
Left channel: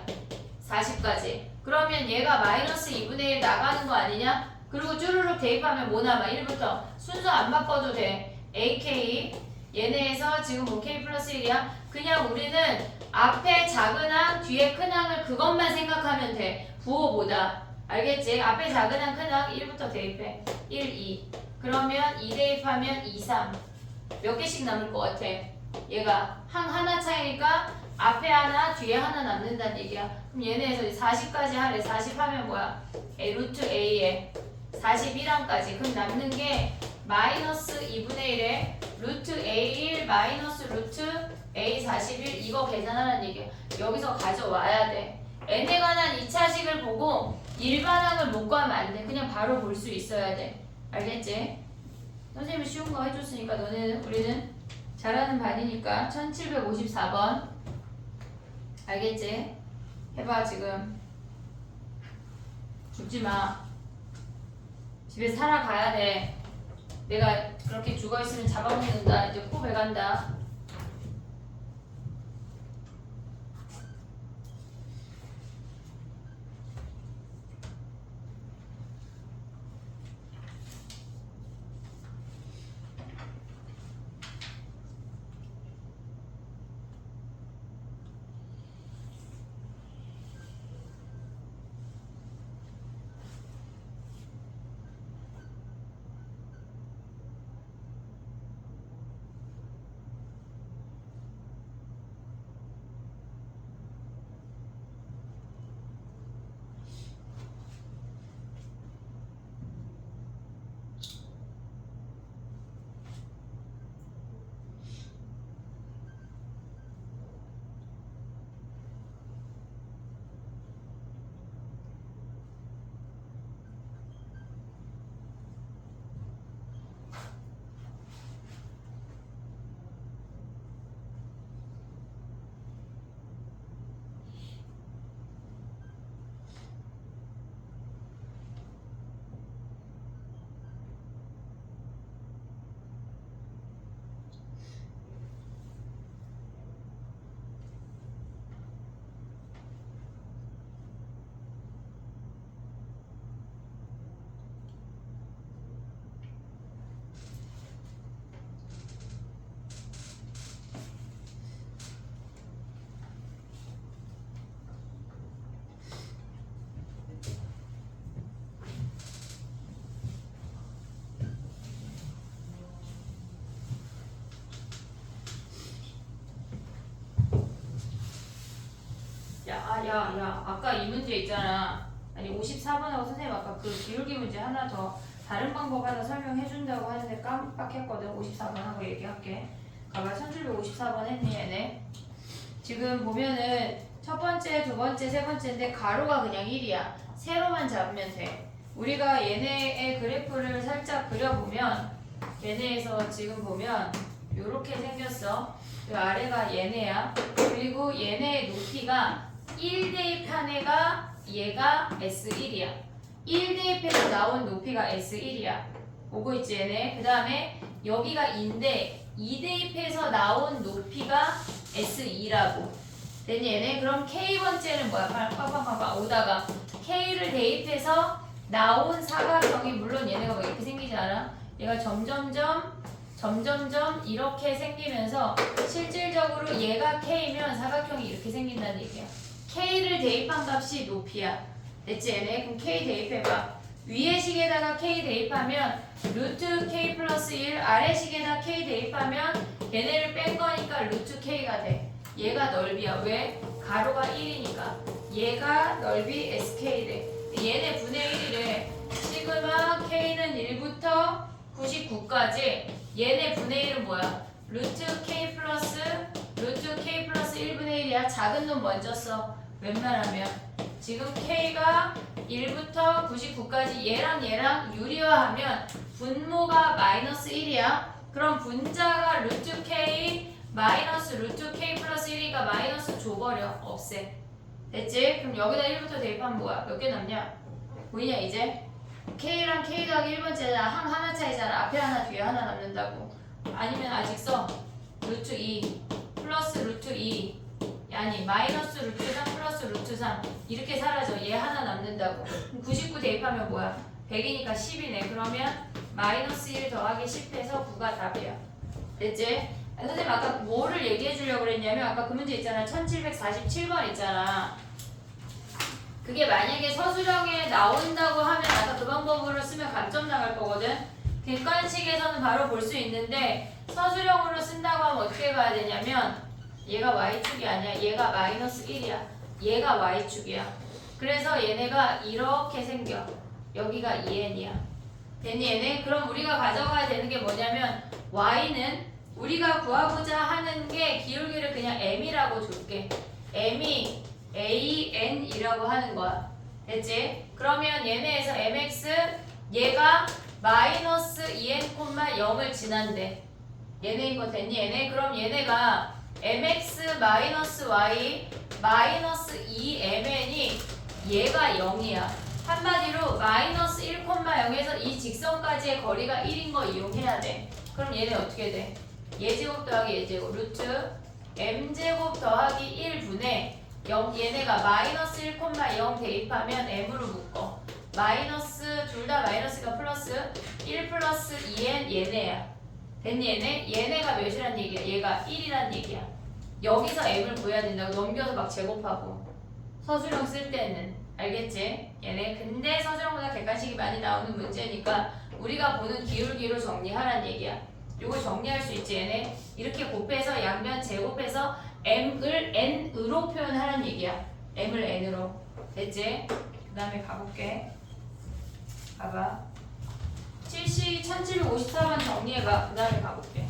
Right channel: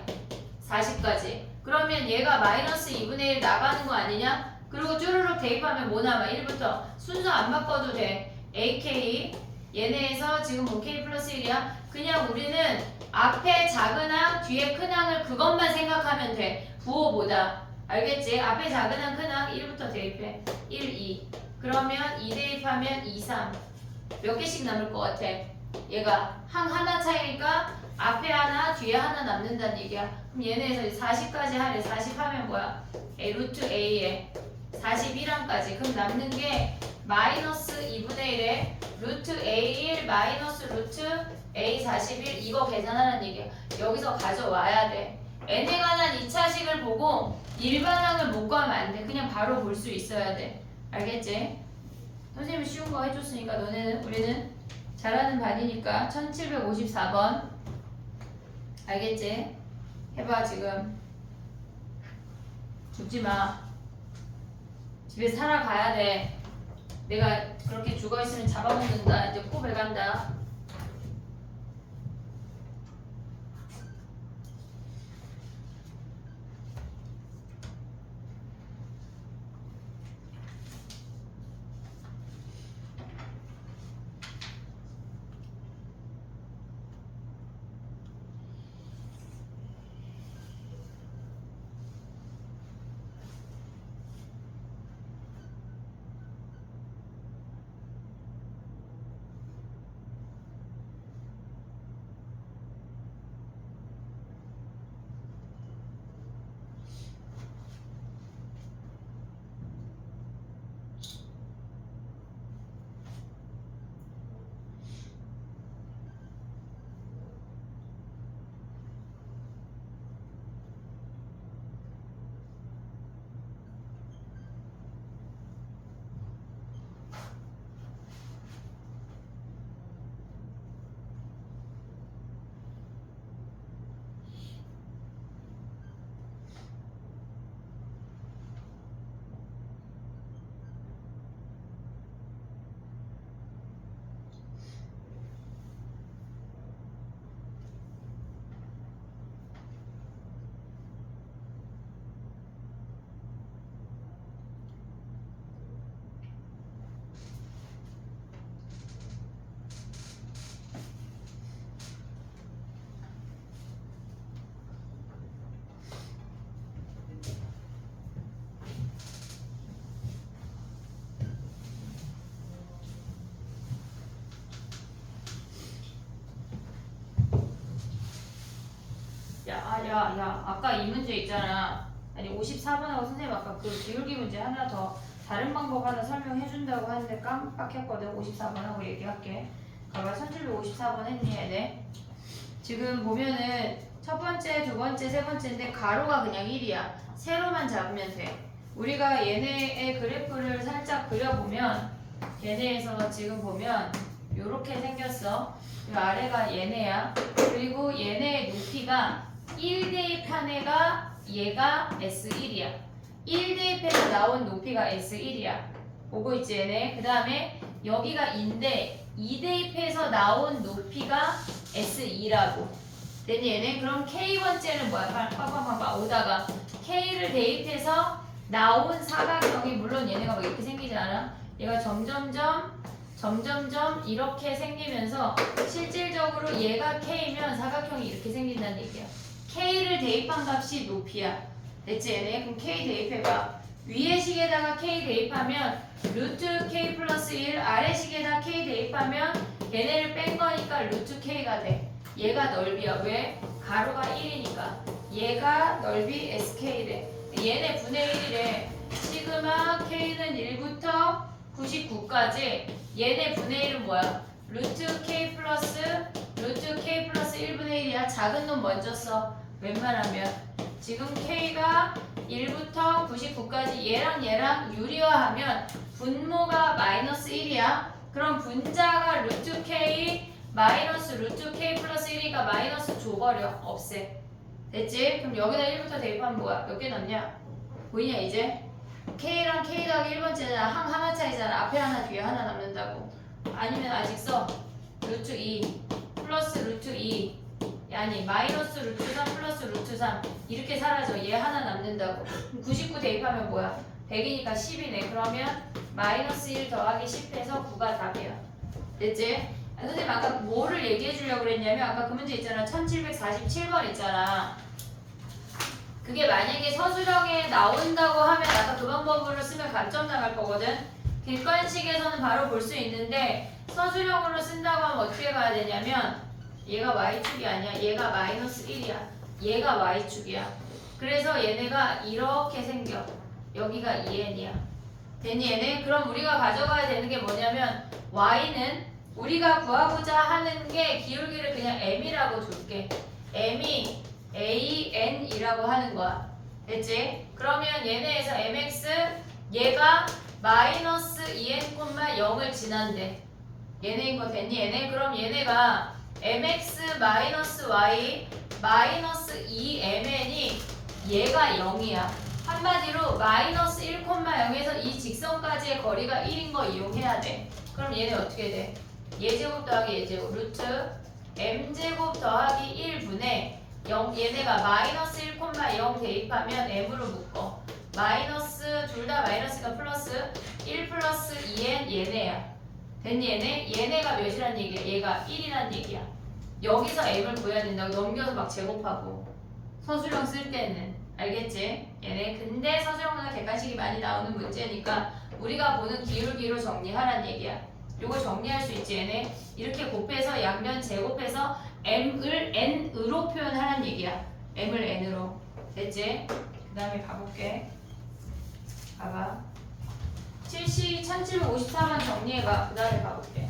40까지. 그러면 얘가 마이너스 2분의 1 나가는 거 아니냐? 그리고 쭈루룩 대입하면 뭐 남아? 1부터. 순서 안 바꿔도 돼. AK 얘네에서 지금 OK 플러스 1이야. 그냥 우리는 앞에 작은 항, 뒤에 큰 항을 그것만 생각하면 돼. 부호보다. 알겠지? 앞에 작은 항, 큰 항 1부터 대입해. 1, 2. 그러면 2 대입하면 2, 3. 몇 개씩 남을 것 같아? 얘가 항 하나 차이니까 앞에 하나, 뒤에 하나 남는다는 얘기야. 그럼 얘네에서 40까지 하래. 40 하면 뭐야? 루트 A에 41항까지. 그럼 남는 게 마이너스 2분의 1에 루트 A1 마이너스 루트 A41 이거 계산하라는 얘기야. 여기서 가져와야 돼. n에 관한 2차식을 보고 일반항을 못 구하면 안 돼. 그냥 바로 볼 수 있어야 돼. 알겠지? 선생님이 쉬운 거 해줬으니까 우리는 잘하는 반이니까 1754번 알겠지? 해봐 지금. 죽지마. 집에 살아가야 돼. 내가 그렇게 죽어있으면 잡아먹는다. 이제 코 배간다. 야, 아까 이 문제 있잖아. 아니 54번하고 선생님 아까 그 기울기 문제 하나 더 다른 방법 하나 설명해 준다고 하는데 깜빡했거든. 54번하고 얘기할게. 가봐. 1754번 했니 얘네? 지금 보면은 첫 번째, 두 번째, 세 번째인데 가로가 그냥 1이야. 세로만 잡으면 돼. 우리가 얘네의 그래프를 살짝 그려보면 얘네에서 지금 보면 요렇게 생겼어. 이 아래가 얘네야. 그리고 얘네의 높이가 1 대입한 애가 얘가 S1이야. 1 대입해서 나온 높이가 S1이야. 보고 있지 얘네. 그 다음에 여기가 2인데 2 대입해서 나온 높이가 S2라고. 됐니 얘네? 그럼 K번째는 뭐야? 빵빵빵빵 오다가 K를 대입해서 나온 사각형이 물론 얘네가 막 이렇게 생기지 않아? 얘가 점점점 이렇게 생기면서 실질적으로 얘가 K면 사각형이 이렇게 생긴다는 얘기야. K를 대입한 값이 높이야. 됐지 얘네? 그럼 K 대입해봐. 위의 식에다가 K 대입하면 루트 K 플러스 1, 아래 식에다 K 대입하면 걔네를 뺀 거니까 루트 K가 돼. 얘가 넓이야. 왜? 가로가 1이니까. 얘가 넓이 SK 돼. 얘네 분의 1이래. 시그마 K는 1부터 99까지. 얘네 분의 1은 뭐야? 루트 K 플러스 1분의 1이야. 작은 놈 먼저 써. 웬만하면. 지금 K가 1부터 99까지 얘랑 유리화하면 분모가 마이너스 1이야. 그럼 분자가 루트 K 마이너스 루트 K 플러스 1이가 마이너스 줘버려. 없애. 됐지? 그럼 여기다 1부터 대입하면 뭐야? 몇 개 남냐? 보이냐 이제? K랑 K 더하기 1번째잖아. 항 하나 차이잖아. 앞에 하나 뒤에 하나 남는다고. 아니면 아직 써. 루트 2 플러스 루트 2 아니 마이너스 루트 3 플러스 루트 3 이렇게 사라져. 얘 하나 남는다고. 99 대입하면 뭐야? 100이니까 10이네. 그러면 마이너스 1 더하기 10해서 9가 답이야. 됐지? 아니, 선생님 아까 뭐를 얘기해 주려고 그랬냐면 아까 그 문제 있잖아. 1747번 있잖아. 그게 만약에 서술형에 나온다고 하면 아까 그 방법으로 쓰면 감점 나갈 거거든. 객관식에서는 바로 볼 수 있는데 서술형으로 쓴다고 하면 어떻게 가야 되냐면 얘가 y축이 아니야. 얘가 마이너스 1이야. 얘가 y축이야. 그래서 얘네가 이렇게 생겨. 여기가 2n이야. 됐니 얘네? 그럼 우리가 가져가야 되는 게 뭐냐면 y는 우리가 구하고자 하는 게 기울기를 그냥 m이라고 줄게. m이 an이라고 하는 거야. 됐지? 그러면 얘네에서 mx 얘가 마이너스 2n, 0을 지난대. 얘네인 거 됐니 얘네? 그럼 얘네가 mx 마이너스 y 마이너스 2mn이 얘가 0이야. 한마디로 마이너스 1, 0에서 이 직선까지의 거리가 1인 거 이용해야 돼. 그럼 얘네 어떻게 돼? 예제곱 더하기 예제곱 루트 m제곱 더하기 1분의 0 얘네가 마이너스 1, 0 대입하면 m으로 묶어. 마이너스 둘 다 마이너스가 플러스 1 플러스 2n 얘네야. 됐니 얘네? 얘네가 몇이란 얘기야? 얘가 1이란 얘기야. 여기서 m을 구해야 된다고. 넘겨서 막 제곱하고. 서술형 쓸 때는 알겠지? 얘네 근데 서술형보다 객관식이 많이 나오는 문제니까 우리가 보는 기울기로 정리하란 얘기야. 요걸 정리할 수 있지 얘네? 이렇게 곱해서 양변 제곱해서 m을 n으로 표현하란 얘기야. m을 n으로. 됐지? 그 다음에 가볼게. 봐봐. 1754번 정리해봐. 그 다음에 가볼게.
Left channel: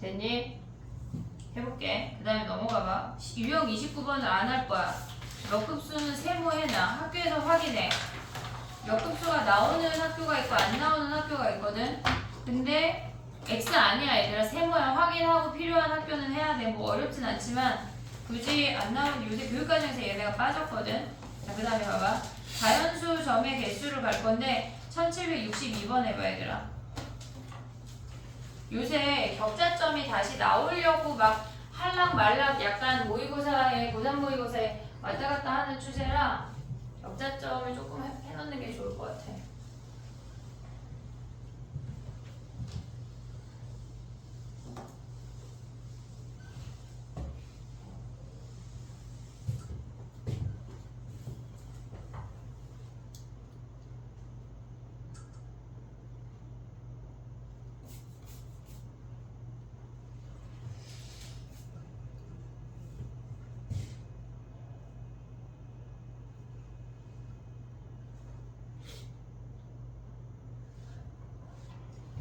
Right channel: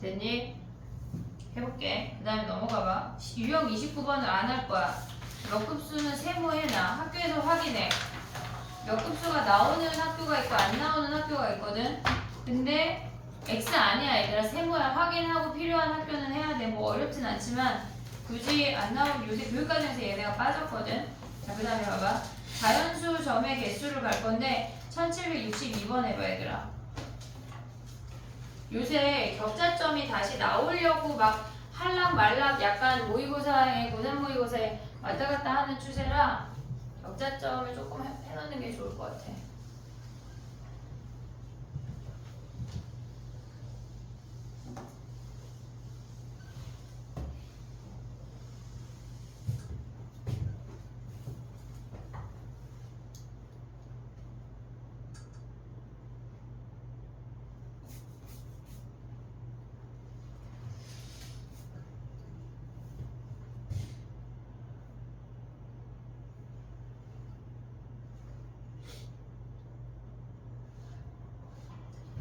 됐니? 해볼게. 그 다음에 넘어가봐. 유형 29번은 안 할 거야. 몇 급수는 세모해놔. 학교에서 확인해. 몇 급수가 나오는 학교가 있고 안 나오는 학교가 있거든. 근데 X 아니야 얘들아. 세모야. 확인하고 필요한 학교는 해야 돼. 뭐 어렵진 않지만 굳이 안 나오는 요새 교육과정에서 얘네가 빠졌거든. 자, 그 다음에 봐봐. 자연수 점의 개수를 갈 건데 1762번 해봐 얘들아. 요새 격자점이 다시 나오려고 막 할락 말락 약간 모의고사에 고3 모의고사에 왔다 갔다 하는 추세라 격자점을 조금 해놓는 게 좋을 것 같아.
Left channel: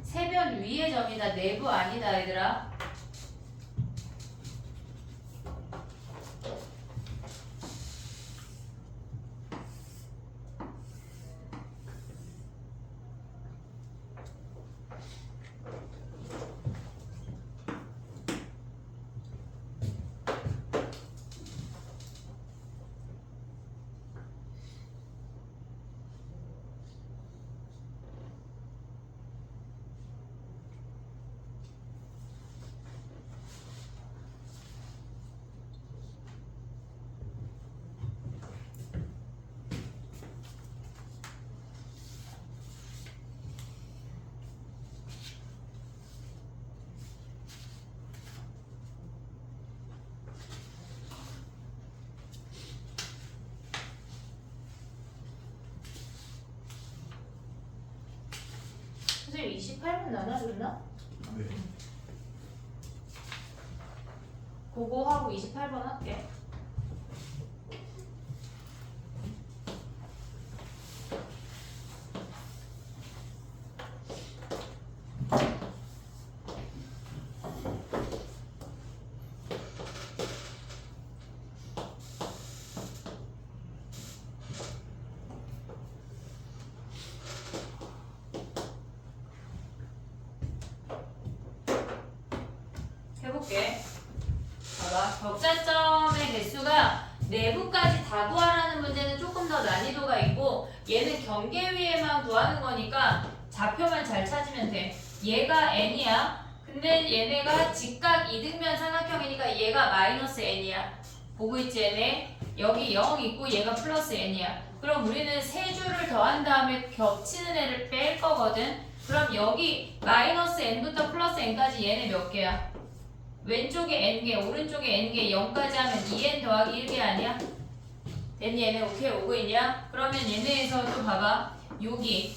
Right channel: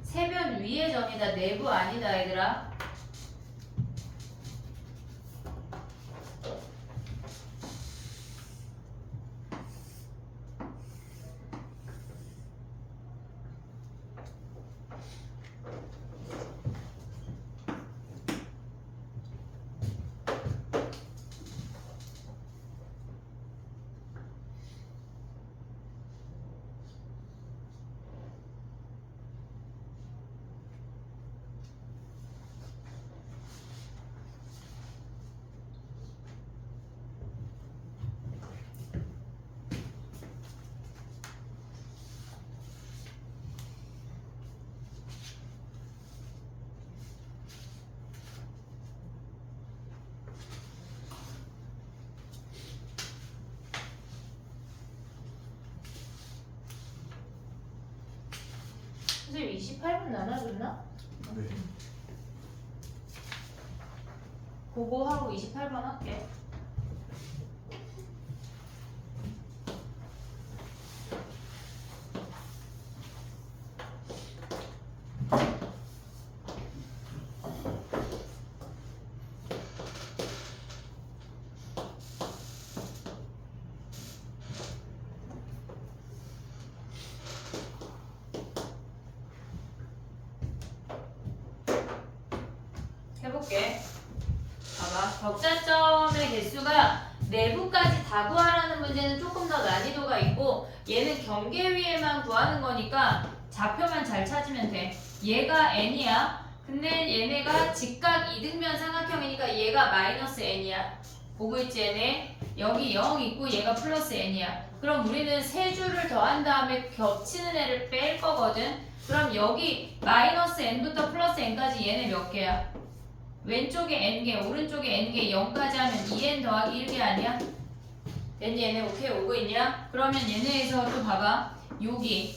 세변 위의 점이다. 내부 아니다 얘들아. 선생님 28분 나눠줬나? 네. 그거 하고 28번 할게. 해볼게. 봐봐. 격자점의 개수가 내부까지 다 구하라는 문제는 조금 더 난이도가 있고 얘는 경계 위에만 구하는 거니까 좌표만 잘 찾으면 돼. 얘가 n이야. 근데 얘네가 직각 이등변 삼각형이니까 얘가 마이너스 n이야. 보고 있지 얘네? 여기 0 있고 얘가 플러스 n이야. 그럼 우리는 세 줄을 더한 다음에 겹치는 애를 뺄 거거든. 그럼 여기 마이너스 n부터 플러스 n까지 얘네 몇 개야? 왼쪽에 n개, 오른쪽에 n개, 0까지 하면 2n 더하기 1개 아니야? 됐니? 얘네 오케이 오고 있냐? 그러면 얘네에서 또 봐봐. 여기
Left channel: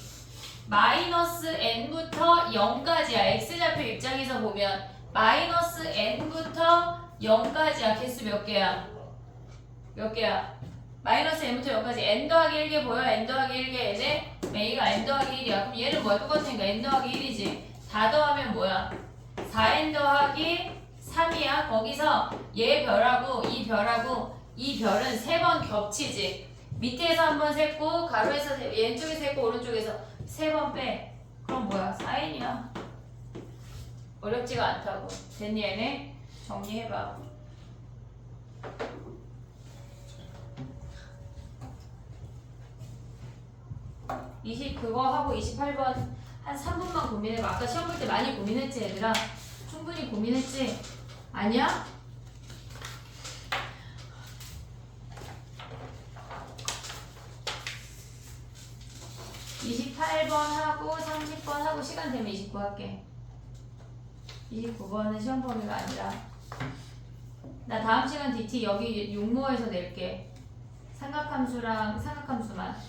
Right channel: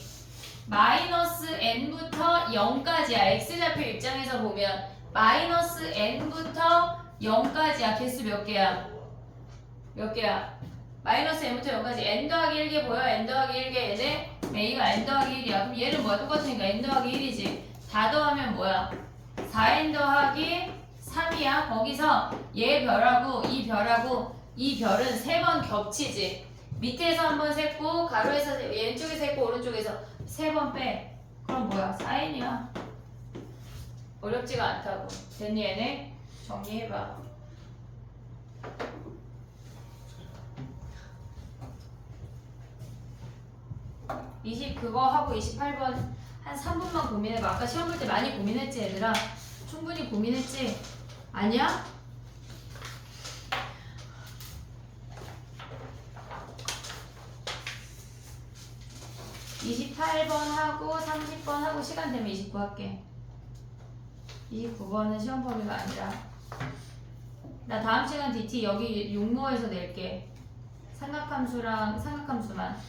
마이너스 n부터 0까지야. x좌표 입장에서 보면 마이너스 n부터 0까지야. 개수 몇 개야? 몇 개야? 마이너스 n부터 0까지 n 더하기 1개 보여? n 더하기 1개 얘네? a가 n 더하기 1이야. 그럼 얘는 뭐야? 똑같으니까 n 더하기 1이지. 다 더하면 뭐야? 4n 더하기 3이야. 거기서 얘 별하고 이 별하고 이 별은 3번 겹치지. 밑에서 한 번 셌고 가로에서 왼쪽에서 셌고 오른쪽에서 3번 빼. 그럼 뭐야? 4n이야. 어렵지가 않다고. 됐니 얘네? 정리해봐. 20 그거 하고 28번 한 3분만 고민해봐. 아까 시험 볼 때 많이 고민했지 얘들아? 충분히 고민했지? 아니야? (28번) 하고 (30번) 하고 시간 되면 29 할게. 29번은 시험 범위가 아니라 나 다음 시간 DT 여기 육모에서 낼게. 삼각함수랑 삼각함수만.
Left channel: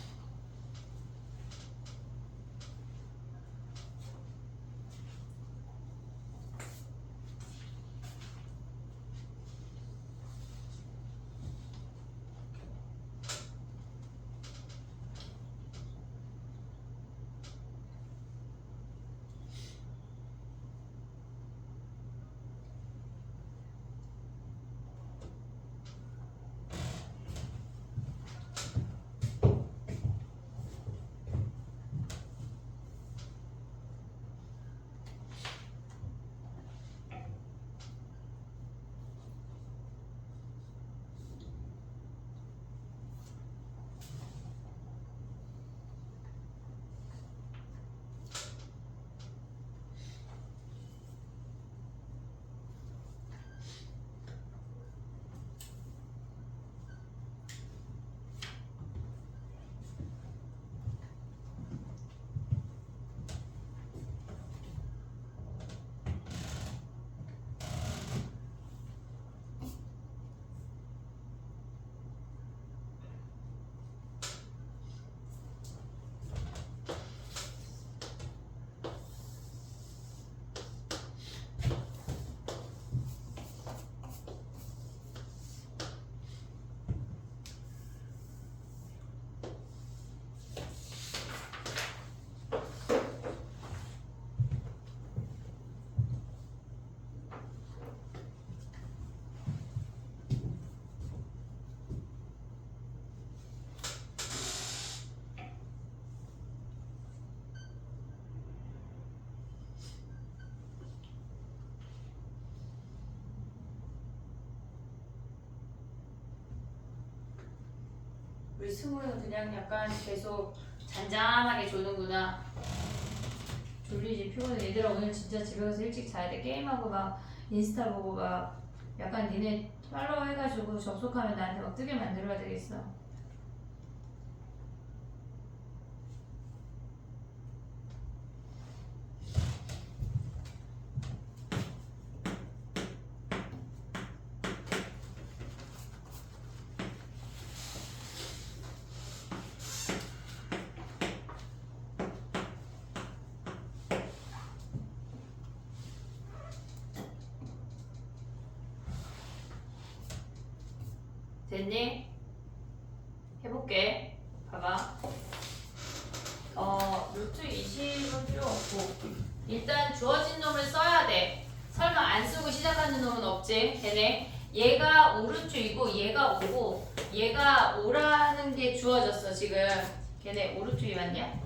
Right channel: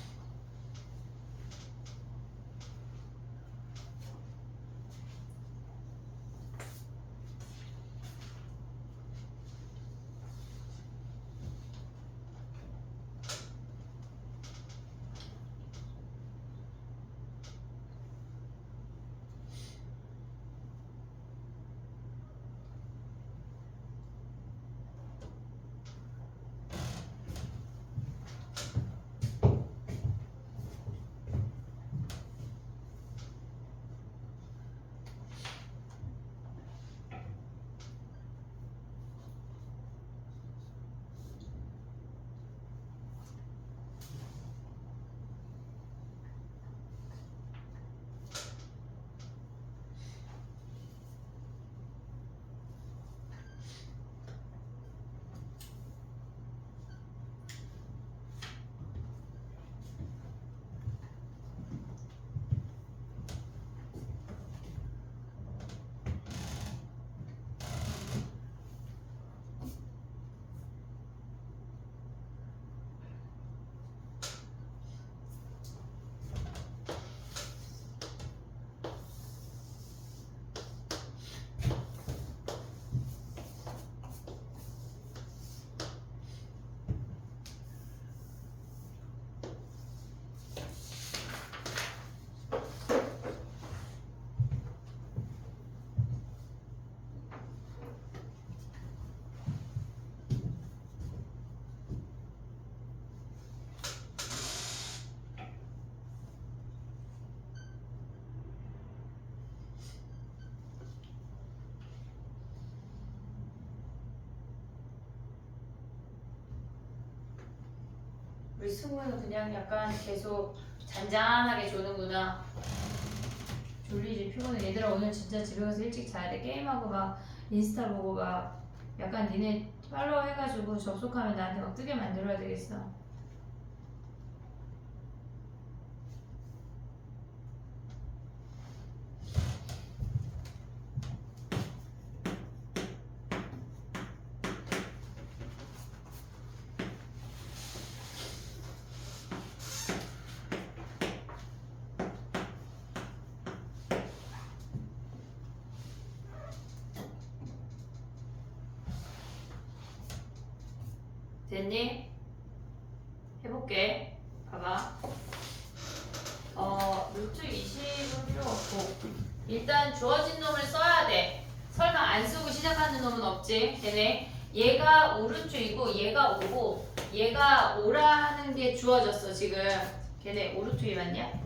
승우는 그냥 약간 계속 잔잔하게 조는구나. 졸리지 피곤해. 얘들아 오늘 진짜 집에 가서 일찍 자야 돼. 게임하고 막 인스타 보고 막 약간 니네 팔로우 해가지고 접속하면 나한테 막 뜨게 만들어야 되겠어. 됐니? 해볼게. 봐봐. 루트 20은 필요 없고 일단 주어진 놈을 써야 돼. 설마 안 쓰고 시작하는 놈은 없지. 걔네 얘가 오루트이고 얘가 오고 얘가 오라는 게 주어졌어 지금. 걔네 오루트이 맞냐?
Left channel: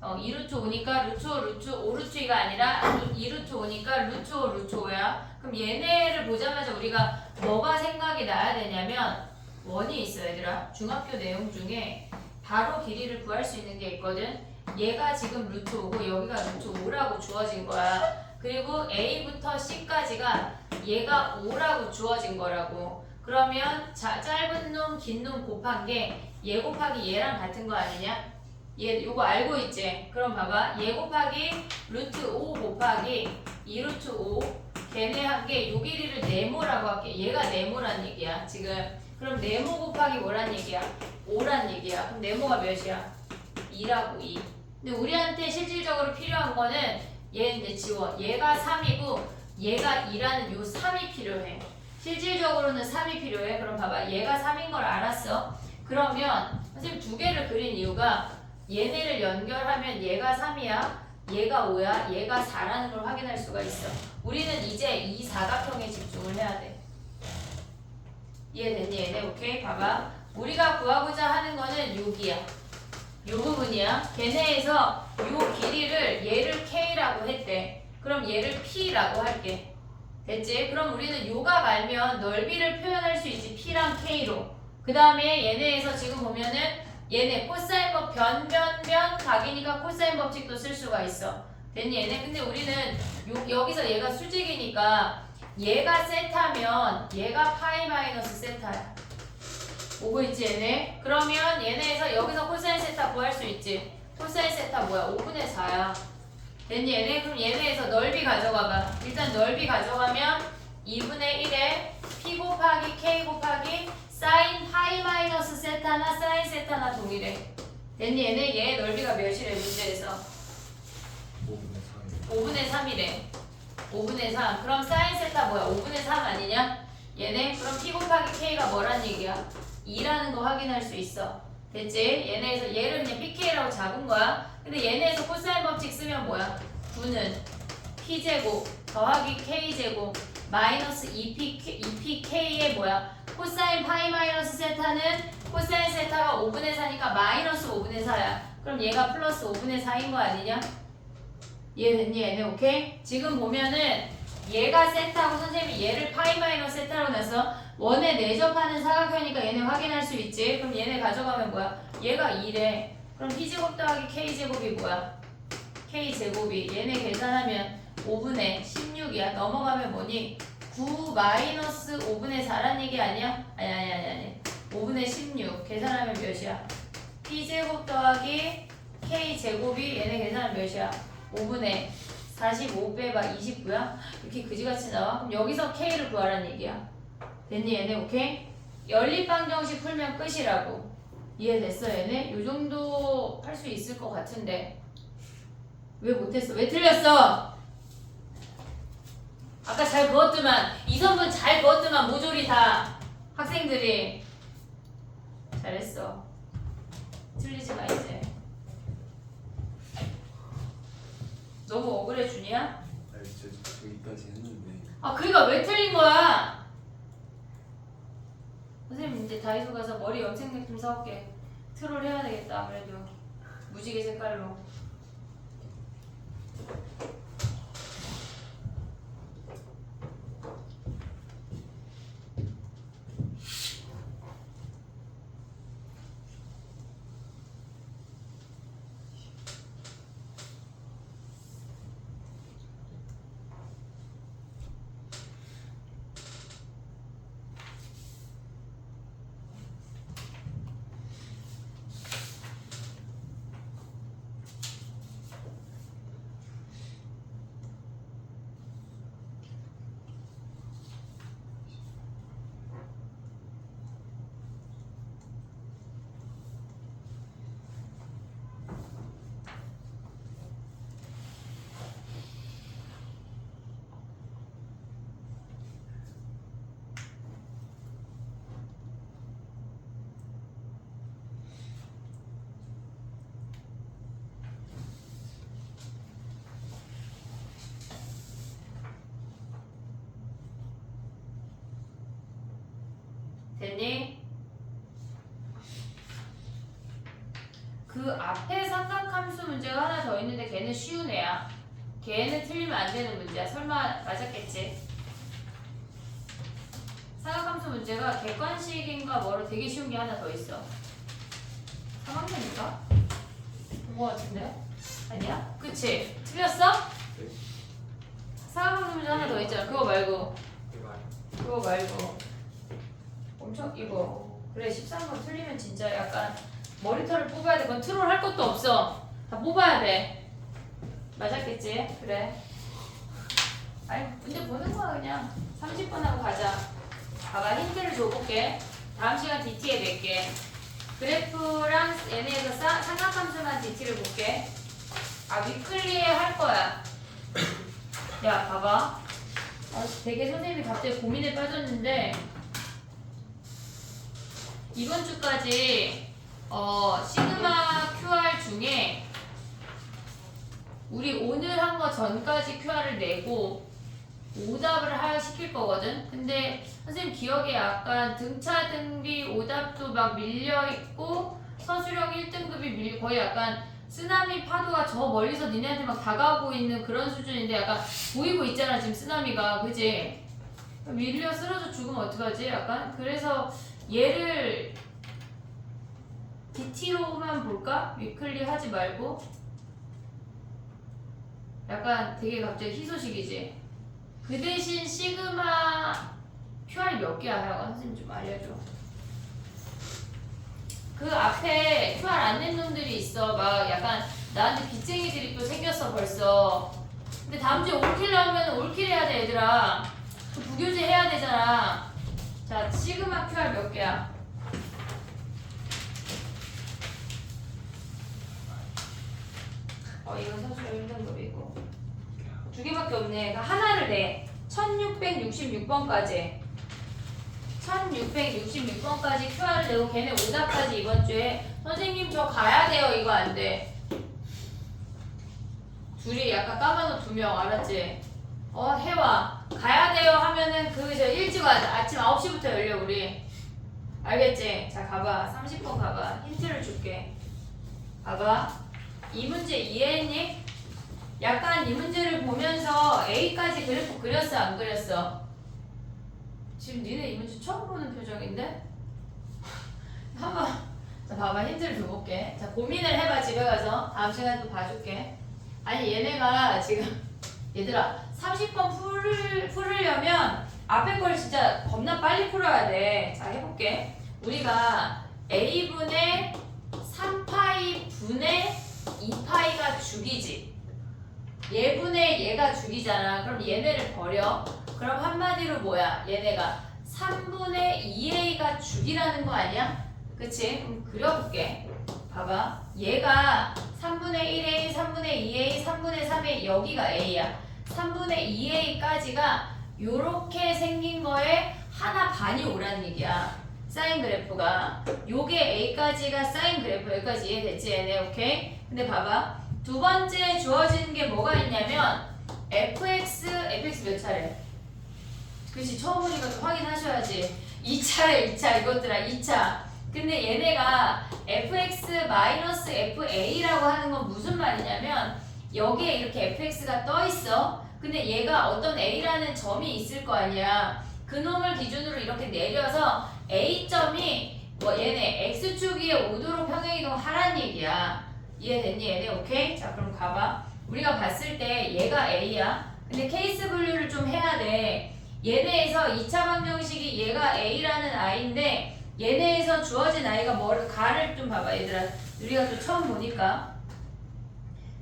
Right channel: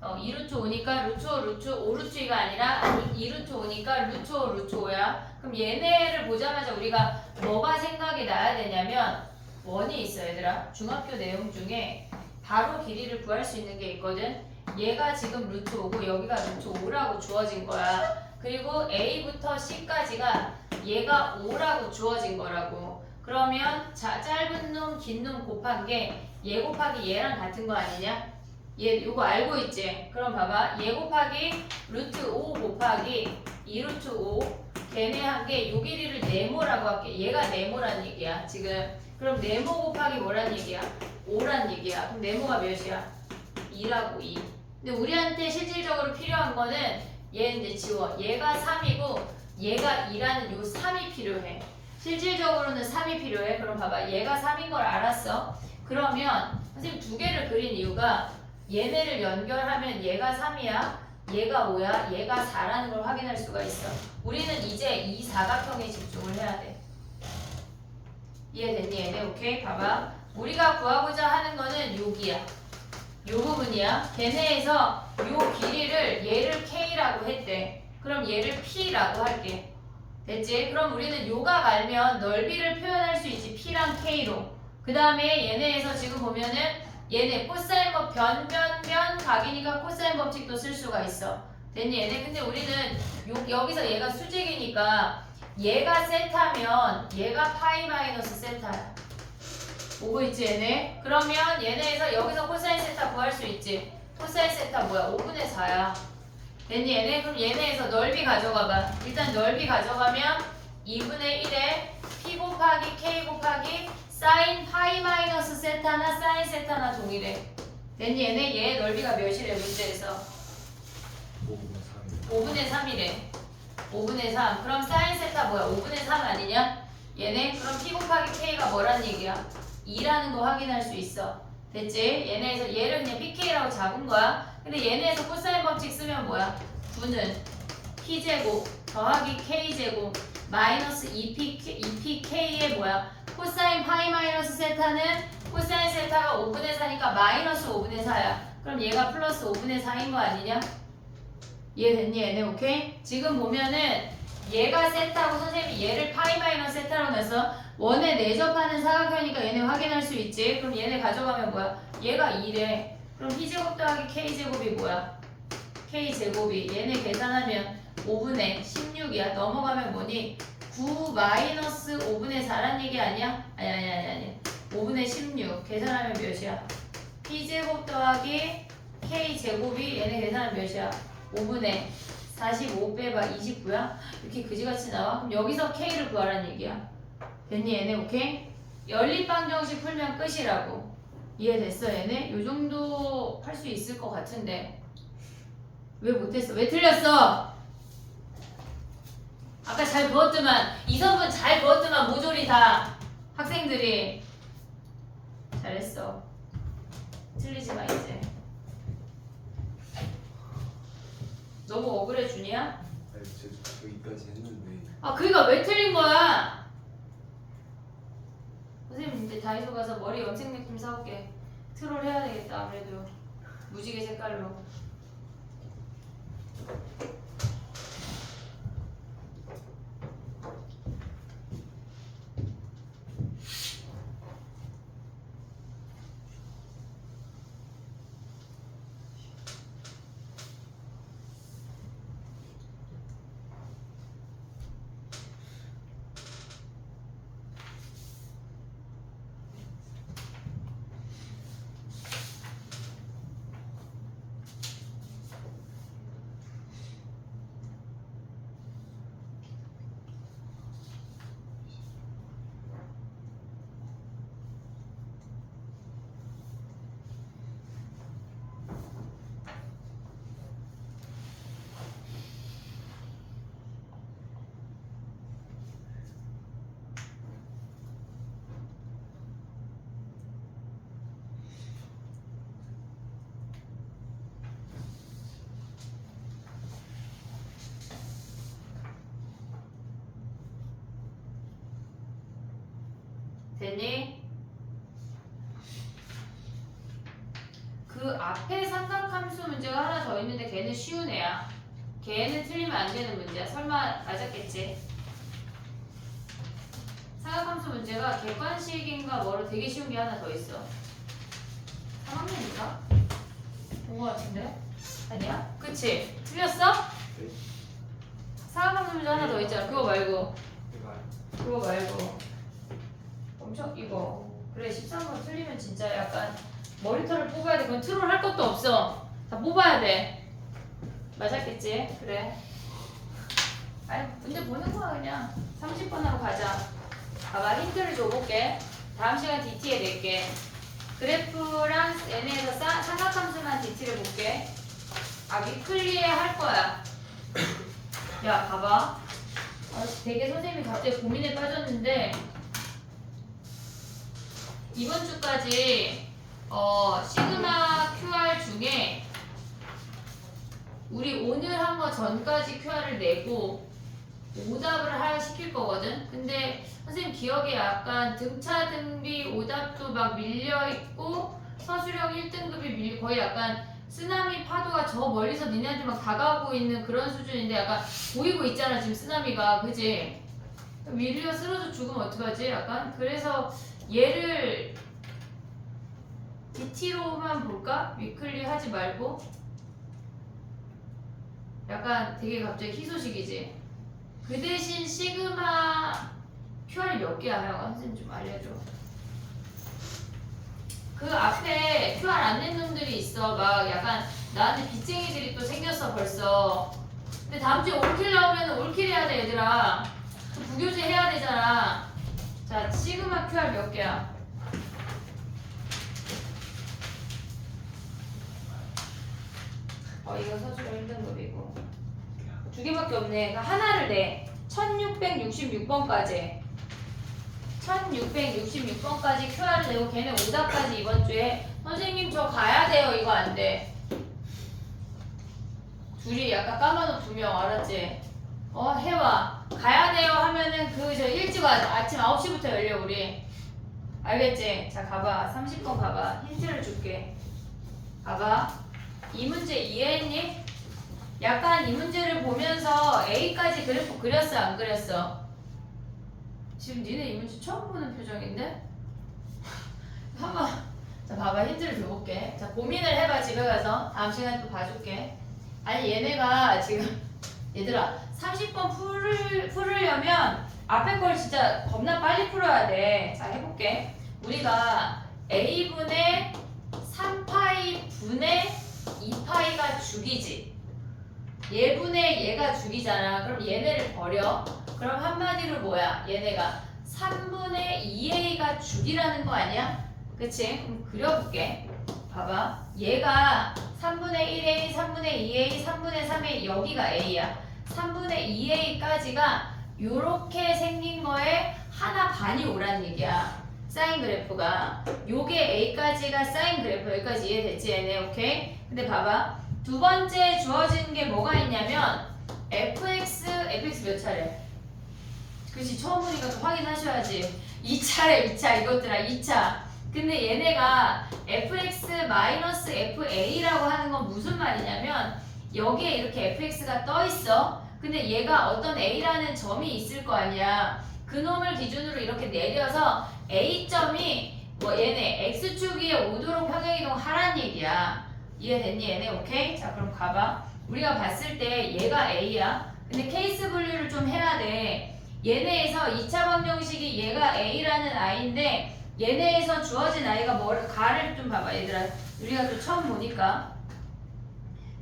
2루트 5니까 루트 5 루트 5 루트이가 아니라 2루트 5니까 루트 5 루트 5야. 그럼 얘네를 보자마자 우리가 뭐가 생각이 나야 되냐면 원이 있어 얘들아. 중학교 내용 중에 바로 길이를 구할 수 있는 게 있거든. 얘가 지금 루트 5고 여기가 루트 5라고 주어진 거야. 그리고 A부터 C까지가 얘가 5라고 주어진 거라고. 그러면 짧은 놈 긴 놈 곱한 게 얘 곱하기 얘랑 같은 거 아니냐? 얘 이거 알고 있지? 그럼 봐봐. 얘 곱하기 루트 5 곱하기 2루트 5 걔네 한 게 요 길이를 네모라고 할게. 얘가 네모란 얘기야 지금. 그럼 네모 곱하기 뭐란 얘기야? 5란 얘기야. 그럼 네모가 몇이야? 2라고 2. 근데 우리한테 실질적으로 필요한 거는 얘 이제 지워. 얘가 3이고 얘가 2라는 요 3이 필요해. 실질적으로는 3이 필요해. 그럼 봐봐. 얘가 3인 걸 알았어. 그러면 선생님 두 개를 그린 이유가 얘네를 연결하면 얘가 3이야. 얘가 5야. 얘가 4라는 걸 확인할 수가 있어. 우리는 이제 이 사각형에 집중을 해야 돼. 이해됐니 얘네? 오케이? 봐봐. 우리가 구하고자 하는 거는 여기야. 요 부분이야. 걔네에서 요 길이를 얘를 K라고 했대. 그럼 얘를 P라고 할게. 됐지? 그럼 우리는 요각 알면 넓이를 표현할 수 있지. P랑 K로. 그 다음에 얘네에서 지금 보면은 얘네 코사인법 변변변 각이니까 코사인 법칙도 쓸 수가 있어. 됐니 얘네? 근데 우리는 여기서 얘가 수직이니까 얘가 세타면 얘가 파이 마이너스 세타야. 오고 있지 얘네? 그러면 얘네에서 여기서 코사인 세타 구할 수 있지. 코사인 세타 뭐야? 5분의 4야. 됐니 얘네? 그럼 얘네에서 넓이 가져가봐. 일단 넓이 가져가면 2분의 1에 P 곱하기 K 곱하기 사인 파이 마이너스 세타나 사인 세타나 동일해. 됐니 얘네? 얘 넓이가 몇이래 문제에서? 5분의 3이래. 5분의 3. 그럼 사인 세타 뭐야? 5분의 3 아니냐? 얘네? 그럼 P 곱하기 K가 뭐란 얘기야? 2라는 거 확인할 수 있어. 됐지? 얘네에서 얘를 그냥 PK라고 잡은 거야. 근데 얘네에서 코사인 법칙 쓰면 뭐야? 9는 P제곱 더하기 K제곱 마이너스 2PK의 뭐야? 코사인 파이 마이너스 세타는 코사인 세타가 5분의 4니까 마이너스 5분의 4야. 그럼 얘가 플러스 5분의 4인 거 아니냐? 이해됐니 얘네? 오케이? 지금 보면은 얘가 세타고 선생님이 얘를 파이 마이너스 세타로 내서 원에 내접하는 사각형이니까 얘네 확인할 수 있지. 그럼 얘네 가져가면 뭐야? 얘가 2래. 그럼 P제곱 더하기 K제곱이 뭐야? K제곱이 얘네 계산하면 5분의 16이야. 넘어가면 뭐니? 9 마이너스 5분의 4란 얘기 아니야? 아니 5분의 16 계산하면 몇이야? P제곱 더하기 K제곱이 얘네 계산하면 몇이야? 5분의 45 빼봐 29야? 이렇게 그지같이 나와? 그럼 여기서 K를 구하라는 얘기야. 됐니 얘네? 오케이? 연립방정식 풀면 끝이라고. 이해됐어 얘네? 요 정도 할 수 있을 것 같은데 왜 못했어? 왜 틀렸어? 아까 잘 부었더만 이선분 잘 부었더만 모조리 다 학생들이 잘했어. 틀리지 마 이제. 너무 억울해 준이야? 아니 저 여기까지 했는데. 아 그니까 왜 틀린 거야? 선생님 이제 다이소 가서 머리 염색약 좀 사올게. 트롤 해야 되겠다 아무래도. 무지개 색깔로. 됐니? 그 앞에 삼각함수 문제가 하나 더 있는데 걔는 쉬운 애야. 걔는 틀리면 안 되는 문제야. 설마 맞았겠지? 삼각함수 문제가 객관식인가 뭐로 되게 쉬운 게 하나 더 있어. 3학년인가? 본 거 같은데? 아니야? 그치? 틀렸어? 네. 삼각함수 문제 하나 더 있잖아. 그거 말고. 이거요. 그거 말고. 엄청 이거. 그래 13번 틀리면 진짜 약간 머리털을 뽑아야 돼. 그건 트롤 할 것도 없어. 다 뽑아야 돼. 맞았겠지? 그래. 아니 근데 보는 거야 그냥. 30번 하고 가자. 봐봐 힌트를 줘볼게. 다음 시간 DT에 낼게. 그래프랑 얘네에서 삼각함수만 DT를 볼게. 아 위클리에 할 거야. 야 봐봐. 되게 선생님이 갑자기 고민에 빠졌는데 이번 주까지 시그마 QR 중에 우리 오늘 한 거 전까지 QR을 내고 오답을 시킬 거거든. 근데 선생님 기억에 약간 등차 등비 오답도 막 밀려 있고 서술형 1등급이 거의 약간 쓰나미 파도가 저 멀리서 니네한테 막 다가오고 있는 그런 수준인데 약간 보이고 있잖아 지금 쓰나미가. 그지? 밀려 쓰러져 죽으면 어떡하지? 약간 그래서 얘를 DT로만 볼까? 위클리 하지 말고. 약간 되게 갑자기 희소식이지. 그 대신 시그마 QR 몇 개야? 하여간 선생님 좀 알려줘. 그 앞에 QR 안 낸 놈들이 있어. 막 약간 나한테 빚쟁이들이 또 생겼어 벌써. 근데 다음 주에 올킬 나오면 올킬 해야 돼 얘들아. 그 부교재 해야 되잖아. 자 시그마 QR 몇 개야? 이거 서술형 1등급이고 두 개밖에 없네. 그러니까 하나를 내. 1666번까지 1666번까지 QR을 내고 걔네 오답까지 이번 주에. 선생님 저 가야 돼요. 이거 안 돼. 둘이 약간 까만옷 2명 알았지? 해와. 가야 돼요 하면은 저 일찍 와자. 아침 9시부터 열려 우리. 알겠지? 자 가봐. 30번 가봐. 힌트를 줄게. 봐봐. 이 문제 이해했니? 약간 이 문제를 보면서 A까지 그래프 그렸어 안 그렸어? 지금 니네 이 문제 처음 보는 표정인데? 한번 자 봐봐 힌트를 줘볼게. 자 고민을 해봐 집에 가서. 다음 시간에 또 봐줄게. 아니 얘네가 지금 얘들아 30번 풀으려면 앞에 걸 진짜 겁나 빨리 풀어야 돼. 자 해볼게. 우리가 A분의 3파이 분의 2파이가 죽이지. 얘분의 얘가 죽이잖아. 그럼 얘네를 버려. 그럼 한마디로 뭐야? 얘네가 3분의 2a가 죽이라는 거 아니야? 그치? 그럼 그려볼게. 봐봐. 얘가 3분의 1a, 3분의 2a, 3분의 3a 여기가 a야. 3분의 2a까지가 요렇게 생긴 거에 하나 반이 오라는 얘기야. 사인 그래프가. 요게 a까지가 사인 그래프. 여기까지 이해됐지 얘네? 오케이? 근데 봐봐. 두 번째 주어지는 게 뭐가 있냐면 fx 몇 차례? 그치 처음 보니까 또 확인하셔야지. 2차례 2차 이것들아 2차. 근데 얘네가 fx-fa라고 하는 건 무슨 말이냐면 여기에 이렇게 fx가 떠 있어. 근데 얘가 어떤 a라는 점이 있을 거 아니야. 그 놈을 기준으로 이렇게 내려서 a점이 얘네 x축 위에 오도록 평행이동 하란 얘기야. 이해됐니 얘네? 오케이? 자 그럼 가봐. 우리가 봤을 때 얘가 a야. 근데 케이스 분류를 좀 해야 돼. 얘네에서 2차 방정식이 얘가 a라는 i인데 얘네에서 주어진 i가 가를 좀 봐봐 얘들아. 우리가 또 처음 보니까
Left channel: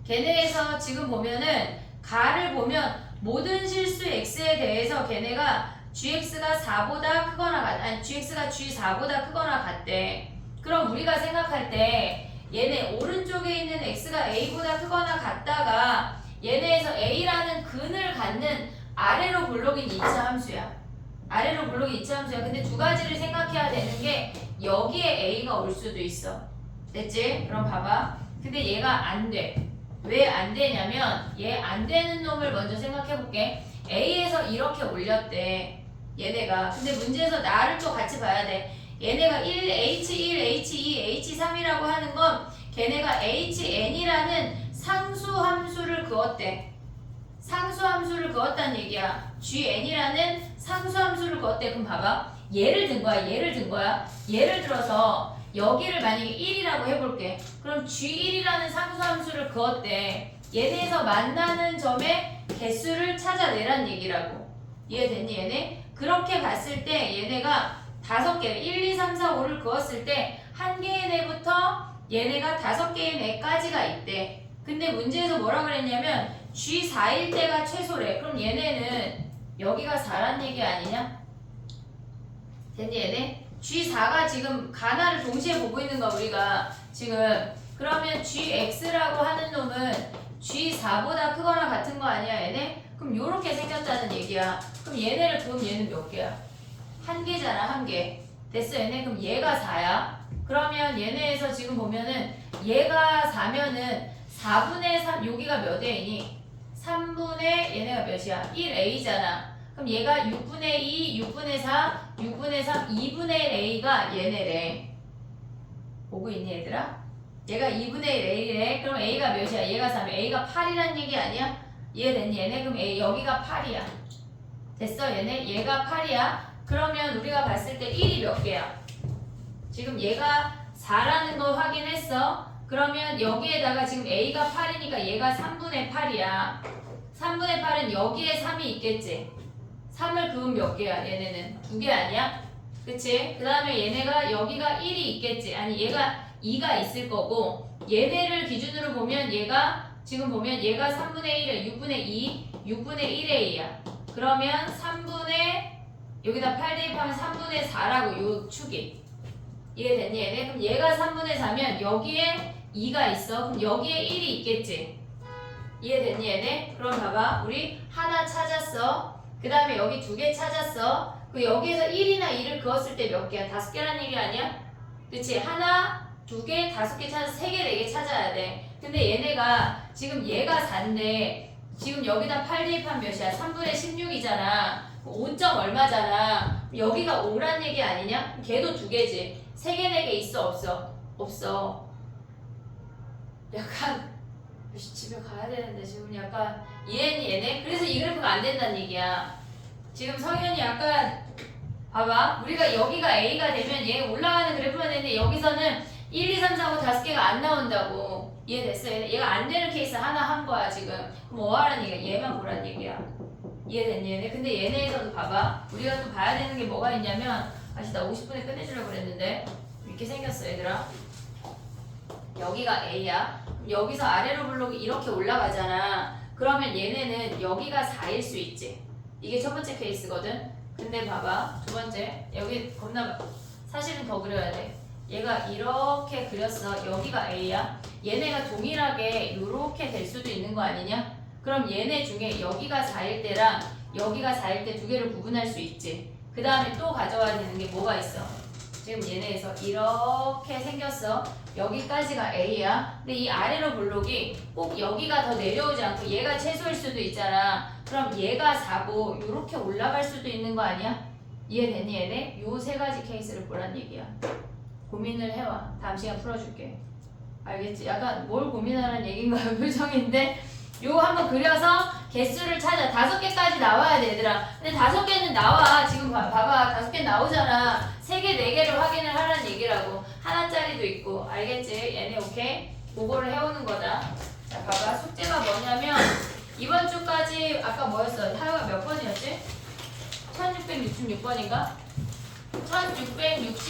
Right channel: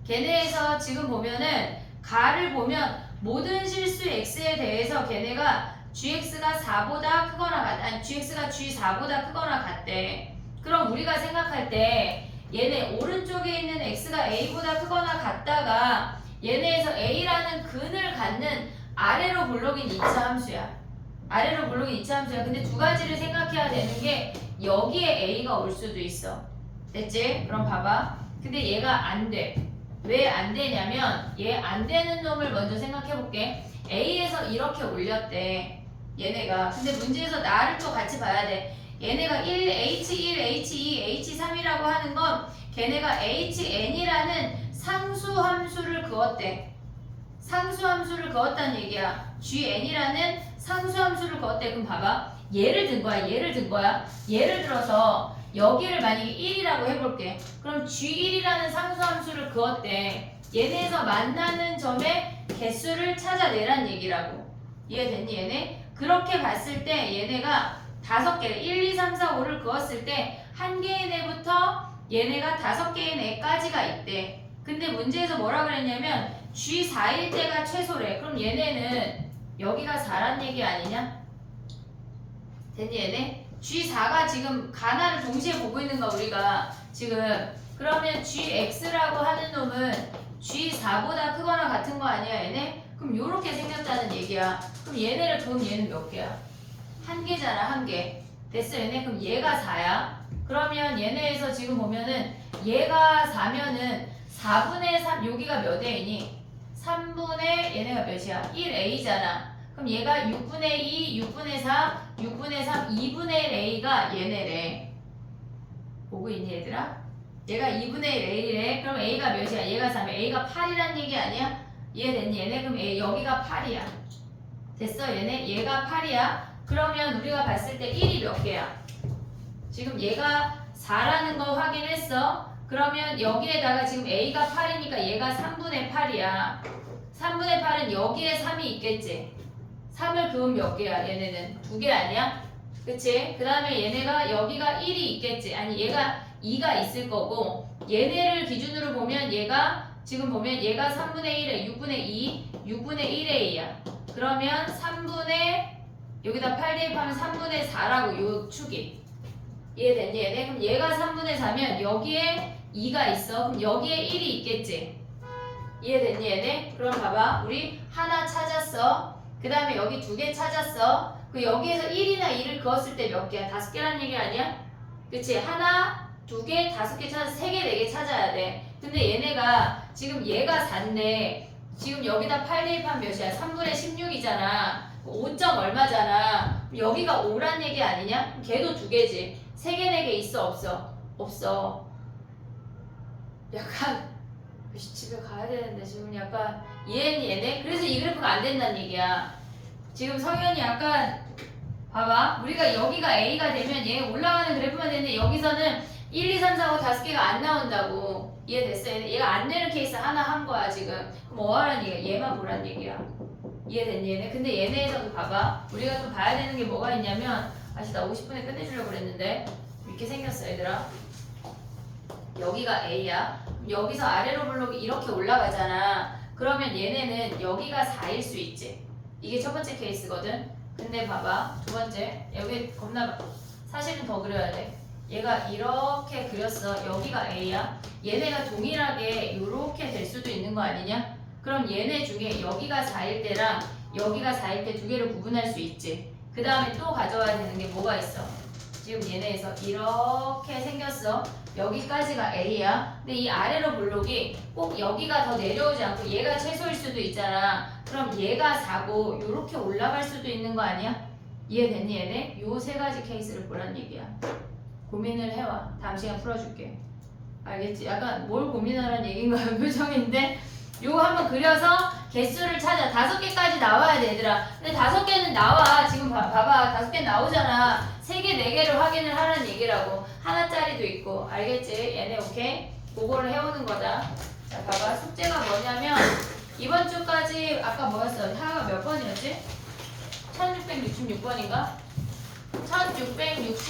걔네에서 지금 보면은 가를 보면 모든 실수 x에 대해서 걔네가 gx가 4보다 크거나 gx가 g4보다 크거나 같대. 그럼 우리가 생각할 때 얘네 오른쪽에 있는 x가 a보다 크거나 같다가 얘네에서 a라는 근을 갖는 아래로 블록인 2차 함수야. 아래로 블록인 2차 함수야. 근데 두 가지를 생각해야 되는 게 여기에 a가 올 수도 있어. 됐지? 그럼 봐봐. 근데 얘가 안 돼. 왜 안 되냐면 얘 안 되는 놈을 먼저 생각해 볼게. a에서 이렇게 올렸대. 얘네가. 근데 문제에서 나를 또 같이 봐야 돼. 얘네가 1H1, H2, H3이라고 하는 건 걔네가 HN이라는 상수함수를 그었대. 상수함수를 그었다는 얘기야. GN이라는 상수함수를 그었대. 그럼 봐봐. 예를 든 거야. 예를 들어서 여기를 만약에 1이라고 해볼게. 그럼 G1이라는 상수함수를 그었대. 얘네에서 만나는 점의 개수를 찾아내란 얘기라고. 이해됐니 얘네? 그렇게 봤을 때 얘네가 5개, 1, 2, 3, 4, 5를 그었을 때 한 개의 애부터 얘네가 5개의 애까지가 있대. 근데 문제에서 뭐라 그랬냐면 G4일 때가 최소래. 그럼 얘네는 여기가 4란 얘기 아니냐? 됐니 얘네? G4가 지금 가나를 동시에 보고 있는 거야 우리가 지금. 그러면 GX라고 하는 놈은 G4보다 크거나 같은 거 아니야 얘네? 그럼 요렇게 생겼다는 얘기야. 그럼 얘는 몇 개야? 한 개잖아 한 개. 됐어 얘네? 그럼 얘가 4야. 그러면 얘네에서 지금 보면은 얘가 4면은 4분의 3 여기가 몇 A니? 3분의 얘네가 몇이야? 1A잖아. 그럼 얘가 6분의 2, 6분의 4, 6분의 3, 2분의 1 A가 얘네래. 보고 있니 얘들아? 얘가 2분의 1 A래. 그럼 A가 몇이야? 얘가 3에 A가 8이란 얘기 아니야? 이해됐니 얘네? 그럼 A 여기가 8이야. 됐어 얘네? 얘가 8이야. 그러면 우리가 봤을 때 1이 몇 개야? 지금 얘가 4라는 거 확인했어. 그러면 여기에다가 지금 A가 8이니까 얘가 3분의 8이야. 3분의 8은 여기에 3이 있겠지. 3을 그으면 몇 개야? 얘네는 2개 아니야? 그치? 그 다음에 얘네가 여기가 1이 있겠지. 아니 얘가 2가 있을 거고 얘네를 기준으로 보면 얘가 지금 보면 얘가 3분의 1에 6분의 2, 6분의 1A야. 그러면 3분의 여기다 8 대입하면 3분의 4라고 요 축이. 이해됐니 얘네? 그럼 얘가 3분의 4면 여기에 2가 있어. 그럼 여기에 1이 있겠지. 이해됐니 얘네? 그럼 봐봐. 우리 하나 찾았어. 그 다음에 여기 2개 찾았어. 그 여기에서 1이나 2를 그었을 때 몇 개야? 5개란 얘기 아니야? 그치? 하나, 2개, 5개 찾아서 3개, 4개 찾아야 돼. 근데 얘네가 지금 얘가 4인데 지금 여기다 8 대입하면 몇이야? 3분의 16이잖아. 5점 얼마잖아. 여기가 5란 얘기 아니냐? 걔도 2개지. 3개, 4개 있어 없어? 없어. 약간 집에 가야 되는데 지금 약간 이해했니 얘네? 그래서 이 그래프가 안 된다는 얘기야. 지금 성현이 약간 봐봐. 우리가 여기가 A가 되면 얘 올라가는 그래프만 되는데 여기서는 1, 2, 3, 4, 5, 5개가 안 나온다고. 이해됐어? 얘가 안 되는 케이스 하나 한 거야 지금. 그럼 뭐 하라는 얘기야? 얘만 보란 얘기야. 이해됐니 얘네? 근데 얘네에서도 봐봐. 우리가 또 봐야 되는 게 뭐가 있냐면 아씨 나 50분에 끝내주려고 그랬는데 이렇게 생겼어 얘들아. 여기가 A야. 여기서 아래로 블록이 이렇게 올라가잖아. 그러면 얘네는 여기가 4일 수 있지. 이게 첫 번째 케이스거든. 근데 봐봐 두 번째 여기 겁나 사실은 더 그려야 돼. 얘가 이렇게 그렸어. 여기가 A야. 얘네가 동일하게 이렇게 될 수도 있는 거 아니냐? 그럼 얘네 중에 여기가 4일 때랑 여기가 4일 때 2개를 구분할 수 있지. 그 다음에 또 가져와야 되는 게 뭐가 있어? 지금 얘네에서 이렇게 생겼어. 여기까지가 A야. 근데 이 아래로 블록이 꼭 여기가 더 내려오지 않고 얘가 최소일 수도 있잖아. 그럼 얘가 4고 이렇게 올라갈 수도 있는 거 아니야? 이해됐니 얘네? 요 3가지 케이스를 보란 얘기야. 고민을 해와. 다음 시간 풀어줄게. 알겠지? 약간 뭘 고민하라는 얘기인가요? 표정인데 요거 한번 그려서 개수를 찾아. 5개까지 나와야 돼 얘들아. 근데 5개는 나와. 지금 봐봐 5개 나오잖아. 3개, 4개를 확인을 하라는 얘기라고. 하나짜리도 있고. 알겠지? 얘네 오케이? 그거를 해오는 거다. 자 봐봐 숙제가 뭐냐면 이번 주까지 아까 뭐였어? 하루가 몇 번이었지? 1666번인가?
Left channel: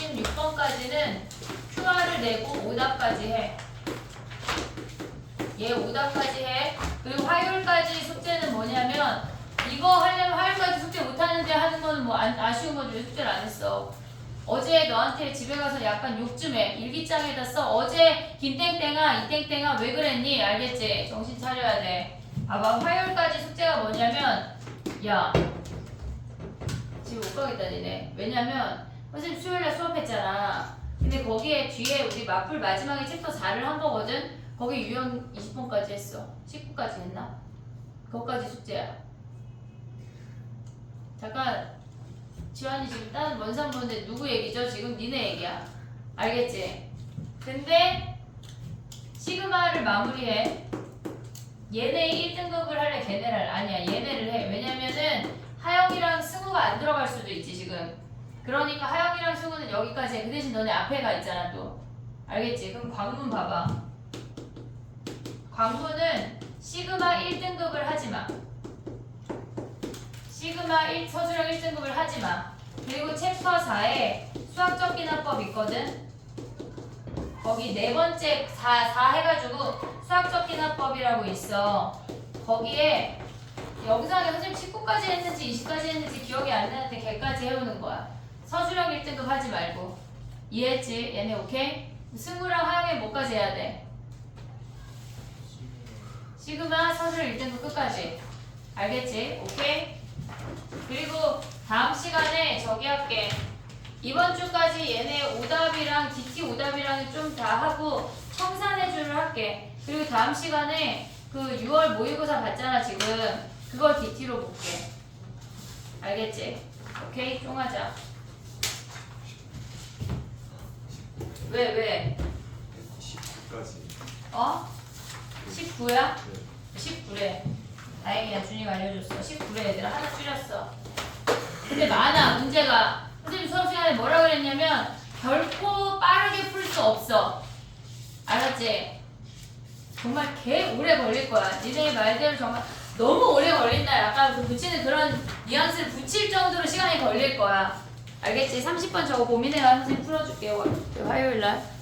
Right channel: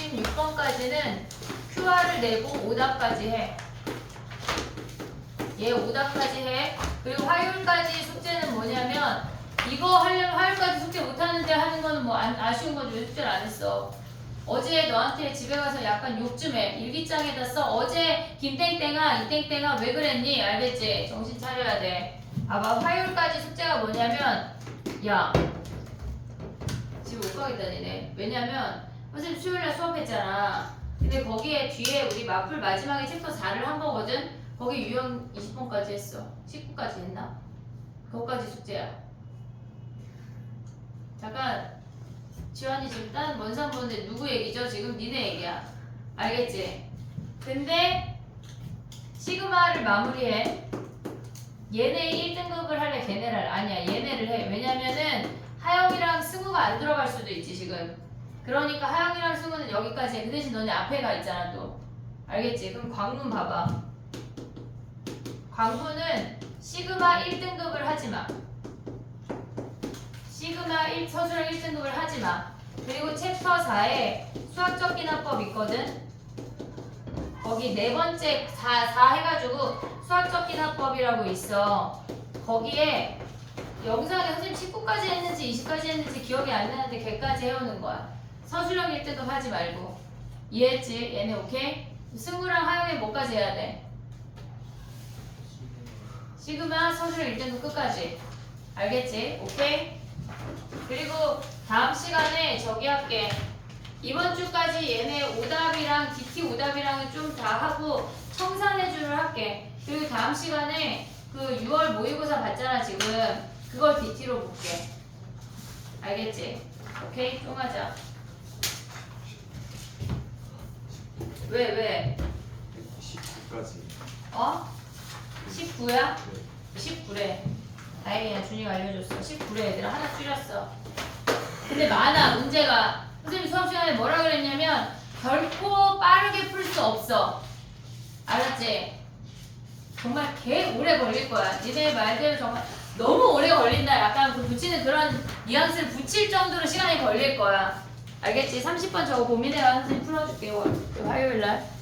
1666번까지는 QR을 내고 오답까지 해. 얘 오답까지 해. 그리고 화요일까지 숙제는 뭐냐면 이거 하려면 화요일까지 숙제 못하는데 하는 거는 뭐 아쉬운 거지. 왜 숙제를 안 했어? 어제 너한테 집에 가서 약간 욕 좀 해. 일기장에다 써. 어제 김땡땡아 이땡땡아 왜 그랬니? 알겠지? 정신 차려야 돼. 봐봐 화요일까지 숙제가 뭐냐면 야 집에 못 가겠다 니네. 왜냐면 선생님 수요일날 수업했잖아. 근데 거기에 뒤에 우리 마플 마지막에 챕터 4를 한 거거든. 거기 유형 20번까지 했어. 19까지 했나? 그거까지 숙제야. 잠깐 지환이 지금 다른 먼 산 보는데 누구 얘기죠? 지금 니네 얘기야. 알겠지? 근데 시그마를 마무리해. 얘네 1등급을 할래? 걔네를 할래? 아니야, 얘네를 해. 왜냐면은 하영이랑 승우가 안 들어갈 수도 있지 지금. 그러니까 하영이랑 승우는 여기까지 해. 그 대신 너네 앞에 가 있잖아 또. 알겠지? 그럼 광분 봐봐. 광분은 시그마 1등급을 하지마. 시그마 1 서술형 1등급을 하지마. 그리고 챕터 4에 수학적 기납법 있거든. 거기 네 번째 4 해가지고 수학적 기납법이라고 있어. 거기에 영상에 선생님 19까지 했는지 20까지 했는지 기억이 안 나는데 걔까지 해오는 거야. 서술형 1등급 하지 말고. 이해했지? 얘네 오케이? 승우랑 하영이 뭐까지 해야 돼? 시그마 서술형 1등급 끝까지. 알겠지? 오케이? 그리고 다음 시간에 저기 할게. 이번 주까지 얘네 오답이랑 DT 오답이랑 좀 다 하고 청산해주를 할게. 그리고 다음 시간에 그 6월 모의고사 봤잖아 지금. 그걸 DT로 볼게. 알겠지? 오케이? 쫑하자. 왜? 19까지. 어? 19야? 네. 19래. 다행이야. 준이가 알려줬어. 19래 얘들아. 하나 줄였어. 근데 많아 문제가. 선생님 수업 시간에 뭐라 그랬냐면 결코 빠르게 풀 수 없어. 알았지? 정말 개 오래 걸릴 거야. 니네 말대로 정말 너무 오래 걸린다. 약간 그 붙이는 그런 뉘앙스를 붙일 정도로 시간이 걸릴 거야. 알겠지? 30번 저거 고민해가 선생님 풀어줄게. 화요일 날.